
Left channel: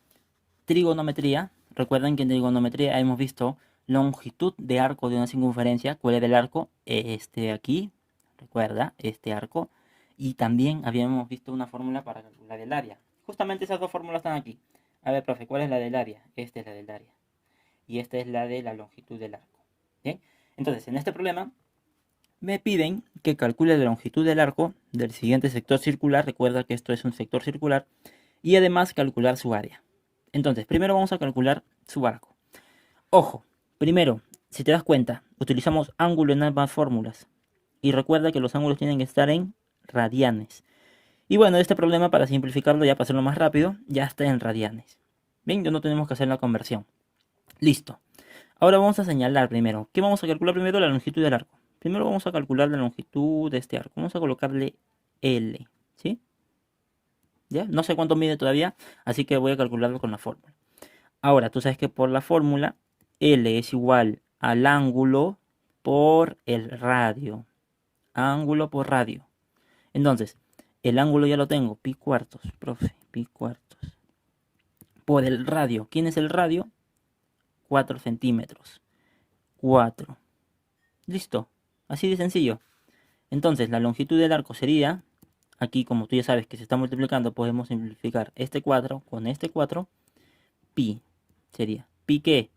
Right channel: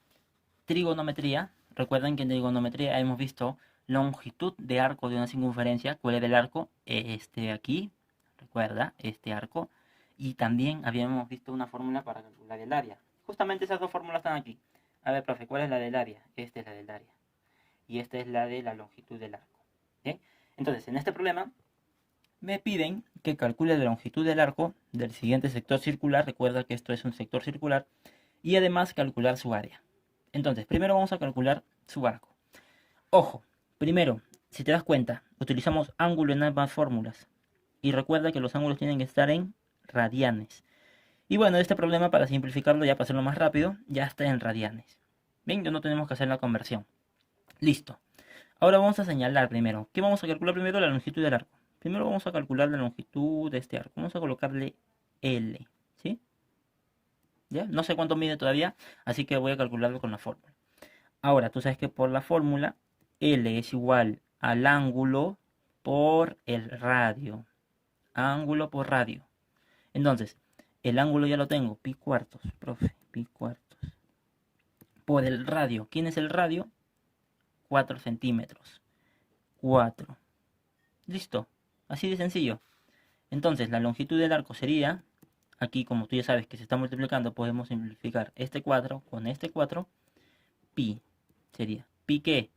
trigonometría. Recuerden que en trigonometría hemos visto longitud de arco de una circunferencia. ¿Cuál era el arco? Este de aquí, recuerda, este arco. Y también habíamos visto una fórmula para calcular el área. Justamente esas dos fórmulas están aquí. A ver, profe, ¿cuál es la del área? Esta es la del área. Y esta es la de la longitud del arco. ¿Bien? Entonces, en este problema me piden que calcule la longitud del arco del siguiente sector circular. Recuerda que esto es un sector circular. Y además calcular su área. Entonces, primero vamos a calcular su arco. Ojo, primero, si te das cuenta, utilizamos ángulo en ambas fórmulas. Y recuerda que los ángulos tienen que estar en radianes. Y bueno, este problema, para simplificarlo, ya para hacerlo más rápido, ya está en radianes. Bien, ya no tenemos que hacer la conversión. Listo. Ahora vamos a señalar primero. ¿Qué vamos a calcular primero? La longitud del arco. Primero vamos a calcular la longitud de este arco. Vamos a colocarle L, ¿sí? ¿Ya? No sé cuánto mide todavía, así que voy a calcularlo con la fórmula. Ahora, tú sabes que por la fórmula, L es igual al ángulo por el radio. Ángulo por radio. Entonces, el ángulo ya lo tengo, pi cuartos, profe, pi cuartos. Por el radio. ¿Quién es el radio? 4 centímetros. 4. Listo. Así de sencillo. Entonces, la longitud del arco sería, aquí como tú ya sabes que se está multiplicando, podemos simplificar este 4 con este 4. Pi sería. ¿Pi qué?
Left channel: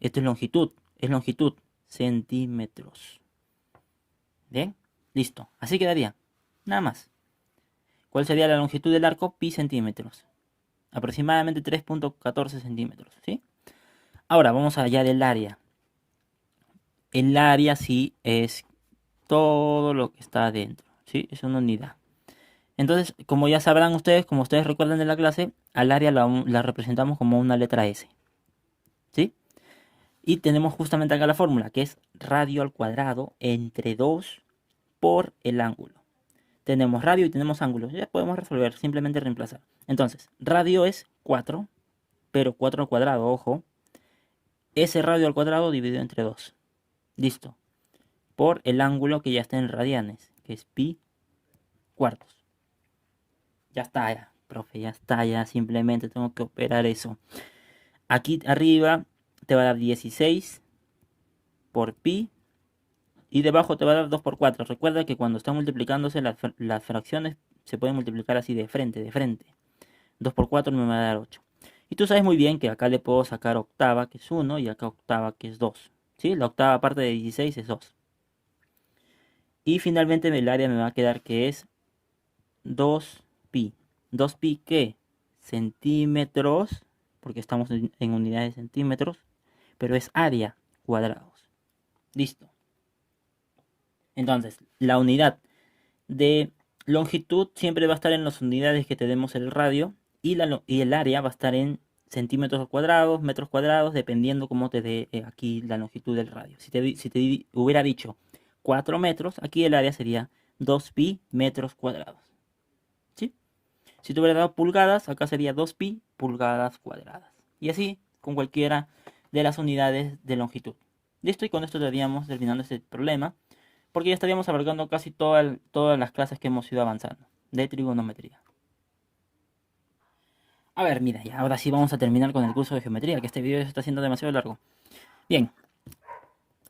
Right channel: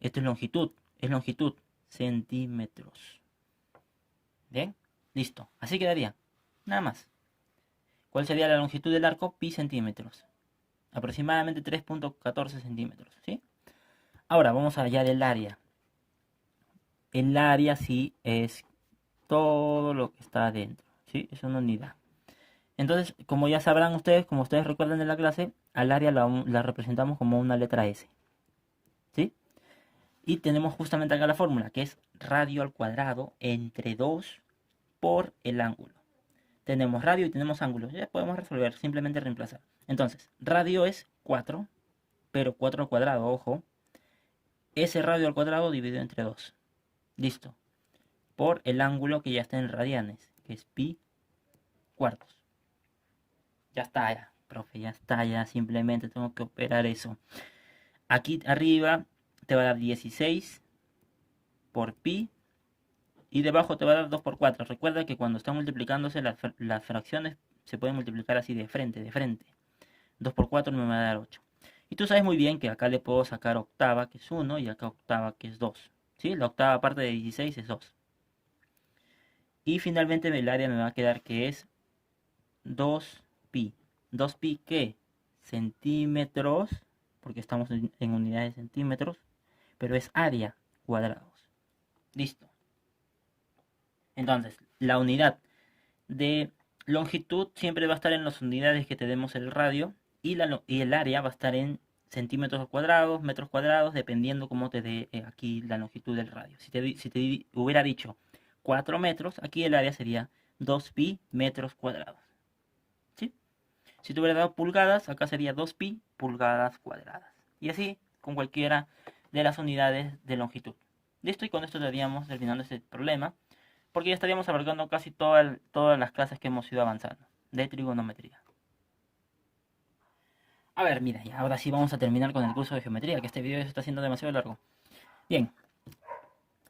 Esto es longitud, centímetros. ¿Bien? Listo. Así quedaría. Nada más. ¿Cuál sería la longitud del arco? Pi centímetros. Aproximadamente 3.14 centímetros. ¿Sí? Ahora vamos allá del área. El área sí es todo lo que está adentro. ¿Sí? Es una unidad. Entonces, como ya sabrán ustedes, como ustedes recuerdan de la clase, al área la representamos como una letra S. ¿Sí? Y tenemos justamente acá la fórmula, que es radio al cuadrado entre 2 por el ángulo. Tenemos radio y tenemos ángulo. Ya podemos resolver, simplemente reemplazar. Entonces, radio es 4, pero 4 al cuadrado, ojo. Ese radio al cuadrado dividido entre 2. Listo. Por el ángulo que ya está en radianes, que es pi cuartos. Ya está, ya, profe, ya está, ya simplemente tengo que operar eso. Aquí arriba te va a dar 16 por pi y debajo te va a dar 2 por 4. Recuerda que cuando están multiplicándose las fracciones se pueden multiplicar así de frente, de frente. 2 por 4 me va a dar 8. Y tú sabes muy bien que acá le puedo sacar octava, que es 1, y acá octava, que es 2. ¿Sí? La octava parte de 16 es 2. Y finalmente el área me va a quedar que es 2pi. ¿2pi qué? Centímetros, porque estamos en unidades de centímetros, pero es área, cuadrados. Listo. Entonces, la unidad de longitud siempre va a estar en las unidades que tenemos el radio y el área va a estar en centímetros cuadrados, metros cuadrados, dependiendo cómo te dé aquí la longitud del radio. Si te hubiera dicho 4 metros, aquí el área sería 2pi metros cuadrados. ¿Sí? Si te hubiera dado pulgadas, acá sería 2pi pulgadas cuadradas. Y así con cualquiera de las unidades de longitud. Listo, y con esto estaríamos terminando este problema, porque ya estaríamos abarcando casi todas las clases que hemos ido avanzando de trigonometría. A ver, mira, y ahora sí vamos a terminar con el curso de geometría, que este video se está haciendo demasiado largo. Bien,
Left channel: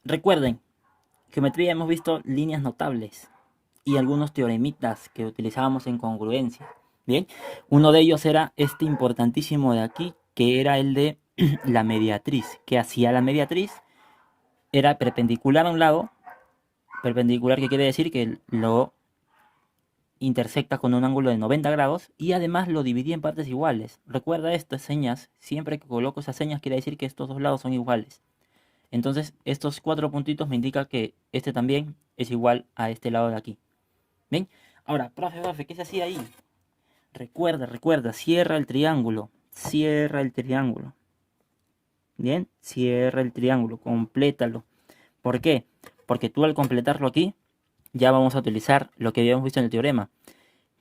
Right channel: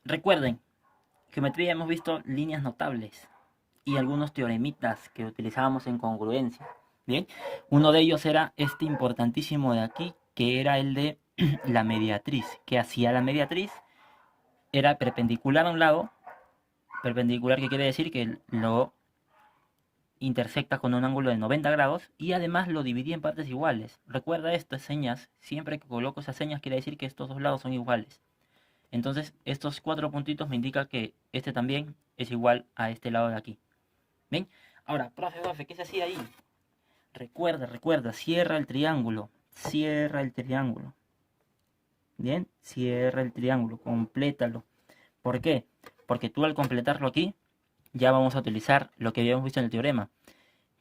recuerden, geometría hemos visto líneas notables y algunos teoremitas que utilizábamos en congruencia. Bien, uno de ellos era este importantísimo de aquí, que era el de la mediatriz. Que hacía la mediatriz? Era perpendicular a un lado. Perpendicular, que quiere decir que lo intersecta con un ángulo de 90 grados y además lo dividí en partes iguales. Recuerda estas señas, siempre que coloco esas señas quiere decir que estos dos lados son iguales. Entonces estos 4 puntitos me indican que este también es igual a este lado de aquí. ¿Ven? Ahora, profe, ¿qué se hacía ahí? Recuerda, cierra el triángulo. Cierra el triángulo. Bien, cierra el triángulo, complétalo. ¿Por qué? Porque tú al completarlo aquí, ya vamos a utilizar lo que habíamos visto en el teorema,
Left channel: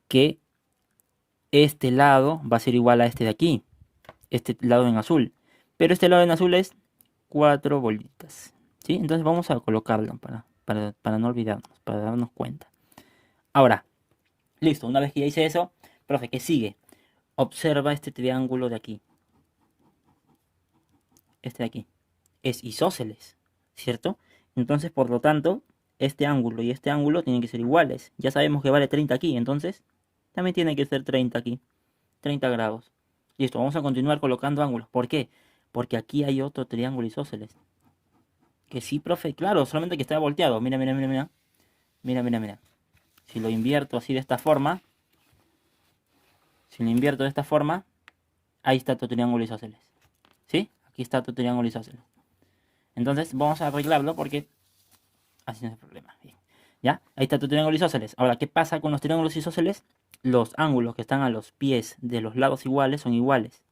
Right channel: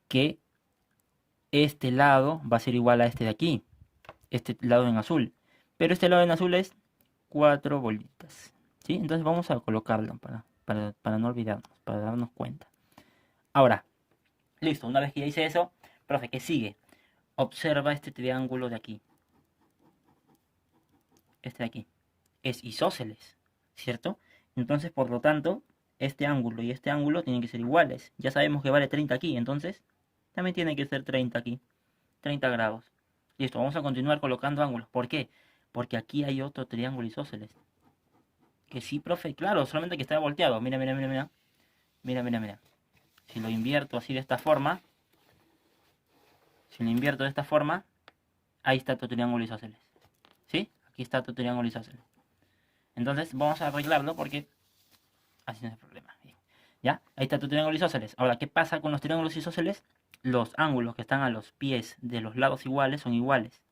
que este lado va a ser igual a este de aquí, este lado en azul, pero este lado en azul es 4 bolitas, ¿sí? Entonces vamos a colocarlo para no olvidarnos, para darnos cuenta. Ahora, listo, una vez que ya hice eso, profe, ¿qué sigue? Observa este triángulo de aquí, este de aquí, es isósceles, ¿cierto? Entonces, por lo tanto, este ángulo y este ángulo tienen que ser iguales. Ya sabemos que vale 30 aquí, entonces también tiene que ser 30 aquí. 30 grados. Listo, vamos a continuar colocando ángulos. ¿Por qué? Porque aquí hay otro triángulo isósceles. Que sí, profe, claro, solamente que está volteado. Mira, mira, mira, mira. Mira, mira, mira. Si lo invierto así de esta forma, ahí está tu triángulo isósceles. ¿Sí? Aquí está tu triángulo isósceles. Entonces vamos a arreglarlo porque así no hay problema. Bien. ¿Ya? Ahí está tu triángulo isósceles. Ahora, ¿qué pasa con los triángulos isósceles? Los ángulos que están a los pies de los lados iguales son iguales.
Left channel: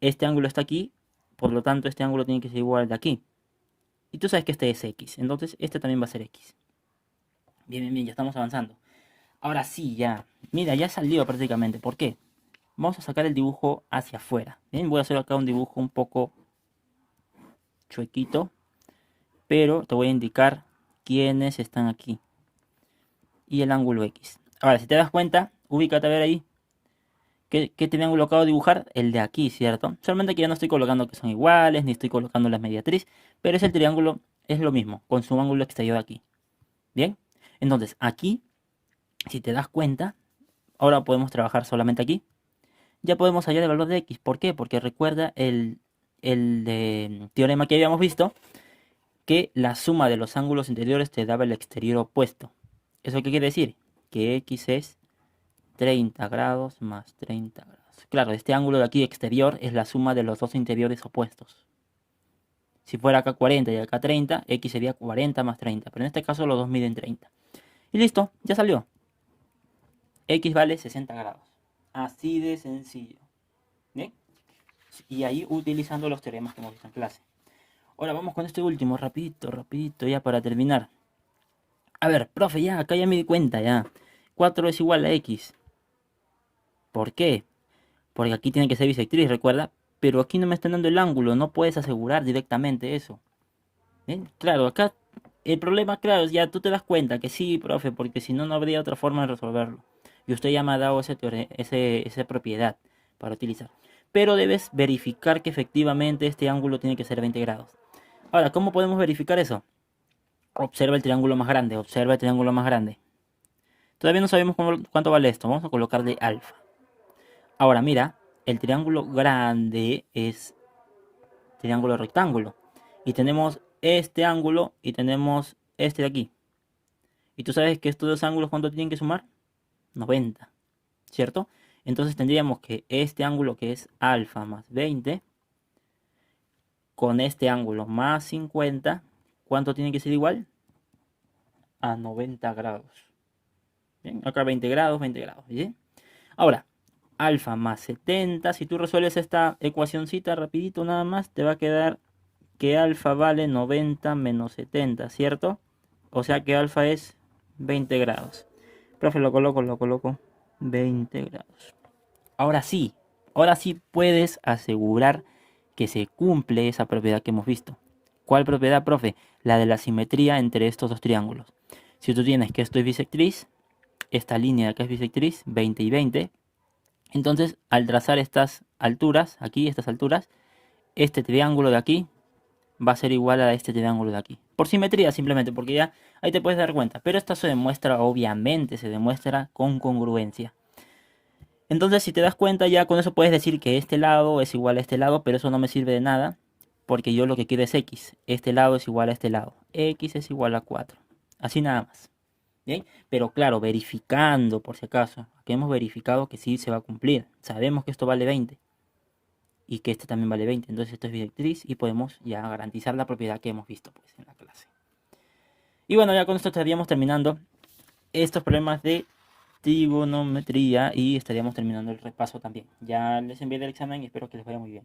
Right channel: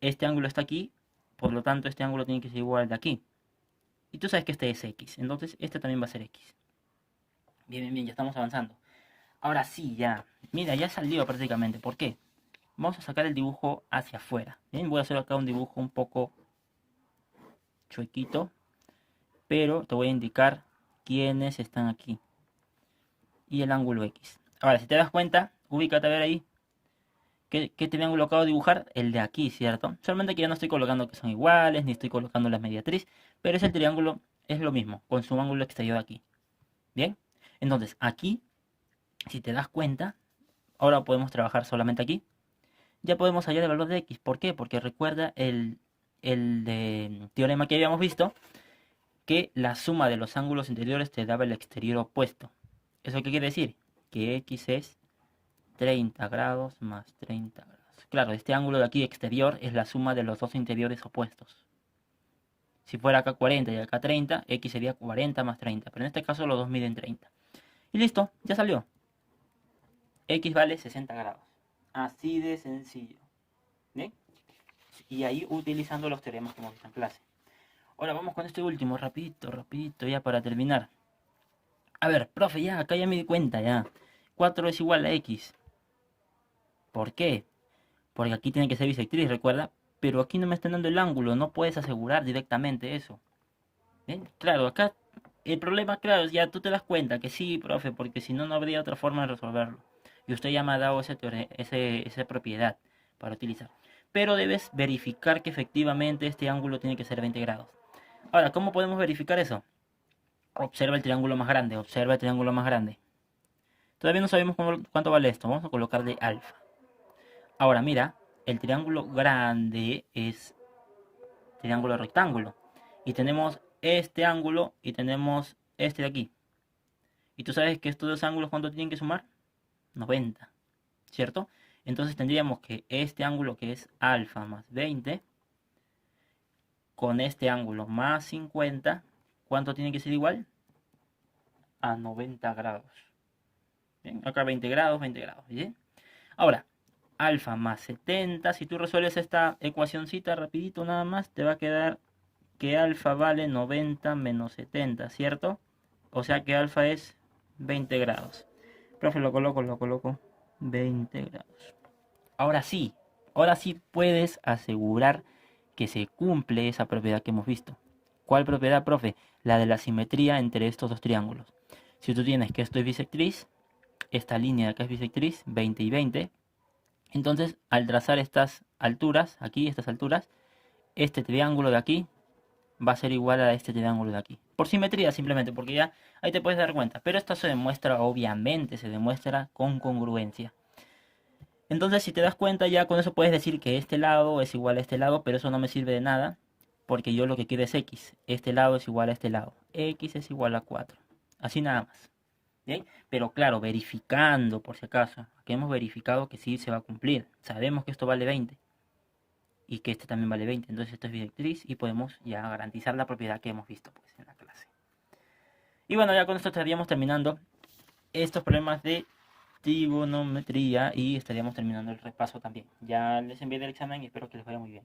Este ángulo está aquí, por lo tanto este ángulo tiene que ser igual de aquí. Y tú sabes que este es X, entonces este también va a ser X. Bien, bien, bien, ya estamos avanzando. Ahora sí, ya. Mira, ya salió prácticamente. ¿Por qué? Vamos a sacar el dibujo hacia afuera. Bien, voy a hacer acá un dibujo un poco chuequito, pero te voy a indicar quiénes están aquí. Y el ángulo X. Ahora, si te das cuenta, ubícate a ver ahí. ¿Qué triángulo acabo de dibujar? El de aquí, ¿cierto? Solamente que ya no estoy colocando que son iguales, ni estoy colocando la mediatriz, pero ese triángulo es lo mismo, con su ángulo exterior aquí. ¿Bien? Entonces, aquí, si te das cuenta, ahora podemos trabajar solamente aquí. Ya podemos hallar el valor de X. ¿Por qué? Porque recuerda el teorema que habíamos visto, que la suma de los ángulos interiores te daba el exterior opuesto. ¿Eso qué quiere decir? Que X es 30 grados más 30 grados. Claro, este ángulo de aquí exterior es la suma de los dos interiores opuestos. Si fuera acá 40 y acá 30, X sería 40 más 30. Pero en este caso los dos miden 30. Y listo, ya salió. X vale 60 grados. Así de sencillo. ¿Bien? Y ahí utilizando los teoremas que hemos visto en clase. Ahora vamos con este último, rapidito, ya para terminar. A ver, profe, ya, acá ya me di cuenta, ya. 4 es igual a X. ¿Por qué? Porque aquí tiene que ser bisectriz, recuerda. Pero aquí no me están dando el ángulo, no puedes asegurar directamente eso. ¿Bien? Claro, acá el problema, claro, ya tú te das cuenta que sí, profe, porque si no, no habría otra forma de resolverlo. Y usted ya me ha dado esa propiedad para utilizar. Pero debes verificar que efectivamente este ángulo tiene que ser 20 grados. Ahora, ¿cómo podemos verificar eso? Observa el triángulo más grande, observa el triángulo más grande. Todavía no sabemos cuánto vale esto, vamos a colocarle alfa. Ahora mira, el triángulo grande es triángulo rectángulo. Y tenemos este ángulo y tenemos este de aquí. Y tú sabes que estos dos ángulos, ¿cuánto tienen que sumar? 90, ¿cierto? Entonces tendríamos que este ángulo, que es alfa más 20, con este ángulo más 50, ¿cuánto tiene que ser igual? A 90 grados. ¿Bien? Acá 20 grados, 20 grados. ¿Bien? Ahora, alfa más 70, si tú resuelves esta ecuacioncita rapidito nada más, te va a quedar que alfa vale 90 menos 70, ¿cierto? O sea que alfa es 20 grados. Profe, lo coloco 20 grados. Ahora sí puedes asegurar que se cumple esa propiedad que hemos visto. ¿Cuál propiedad, profe? La de la simetría entre estos dos triángulos. Si tú tienes que esto es bisectriz, esta línea de acá es bisectriz, 20 y 20, entonces al trazar estas alturas, aquí, estas alturas, este triángulo de aquí va a ser igual a este triángulo de aquí. Por simetría simplemente, porque ya ahí te puedes dar cuenta. Pero esto se demuestra, obviamente, se demuestra con congruencia. Entonces, si te das cuenta, ya con eso puedes decir que este lado es igual a este lado, pero eso no me sirve de nada, porque yo lo que quiero es x. Este lado es igual a este lado. X es igual a 4. Así nada más. ¿Bien? Pero claro, verificando, por si acaso, que hemos verificado que sí se va a cumplir. Sabemos que esto vale 20 y que esto también vale 20. Entonces esto es bisectriz y podemos ya garantizar la propiedad que hemos visto pues, en la clase. Y bueno, ya con esto estaríamos terminando estos problemas de trigonometría y estaríamos terminando el repaso también. Ya les envié el examen y espero que les vaya muy bien.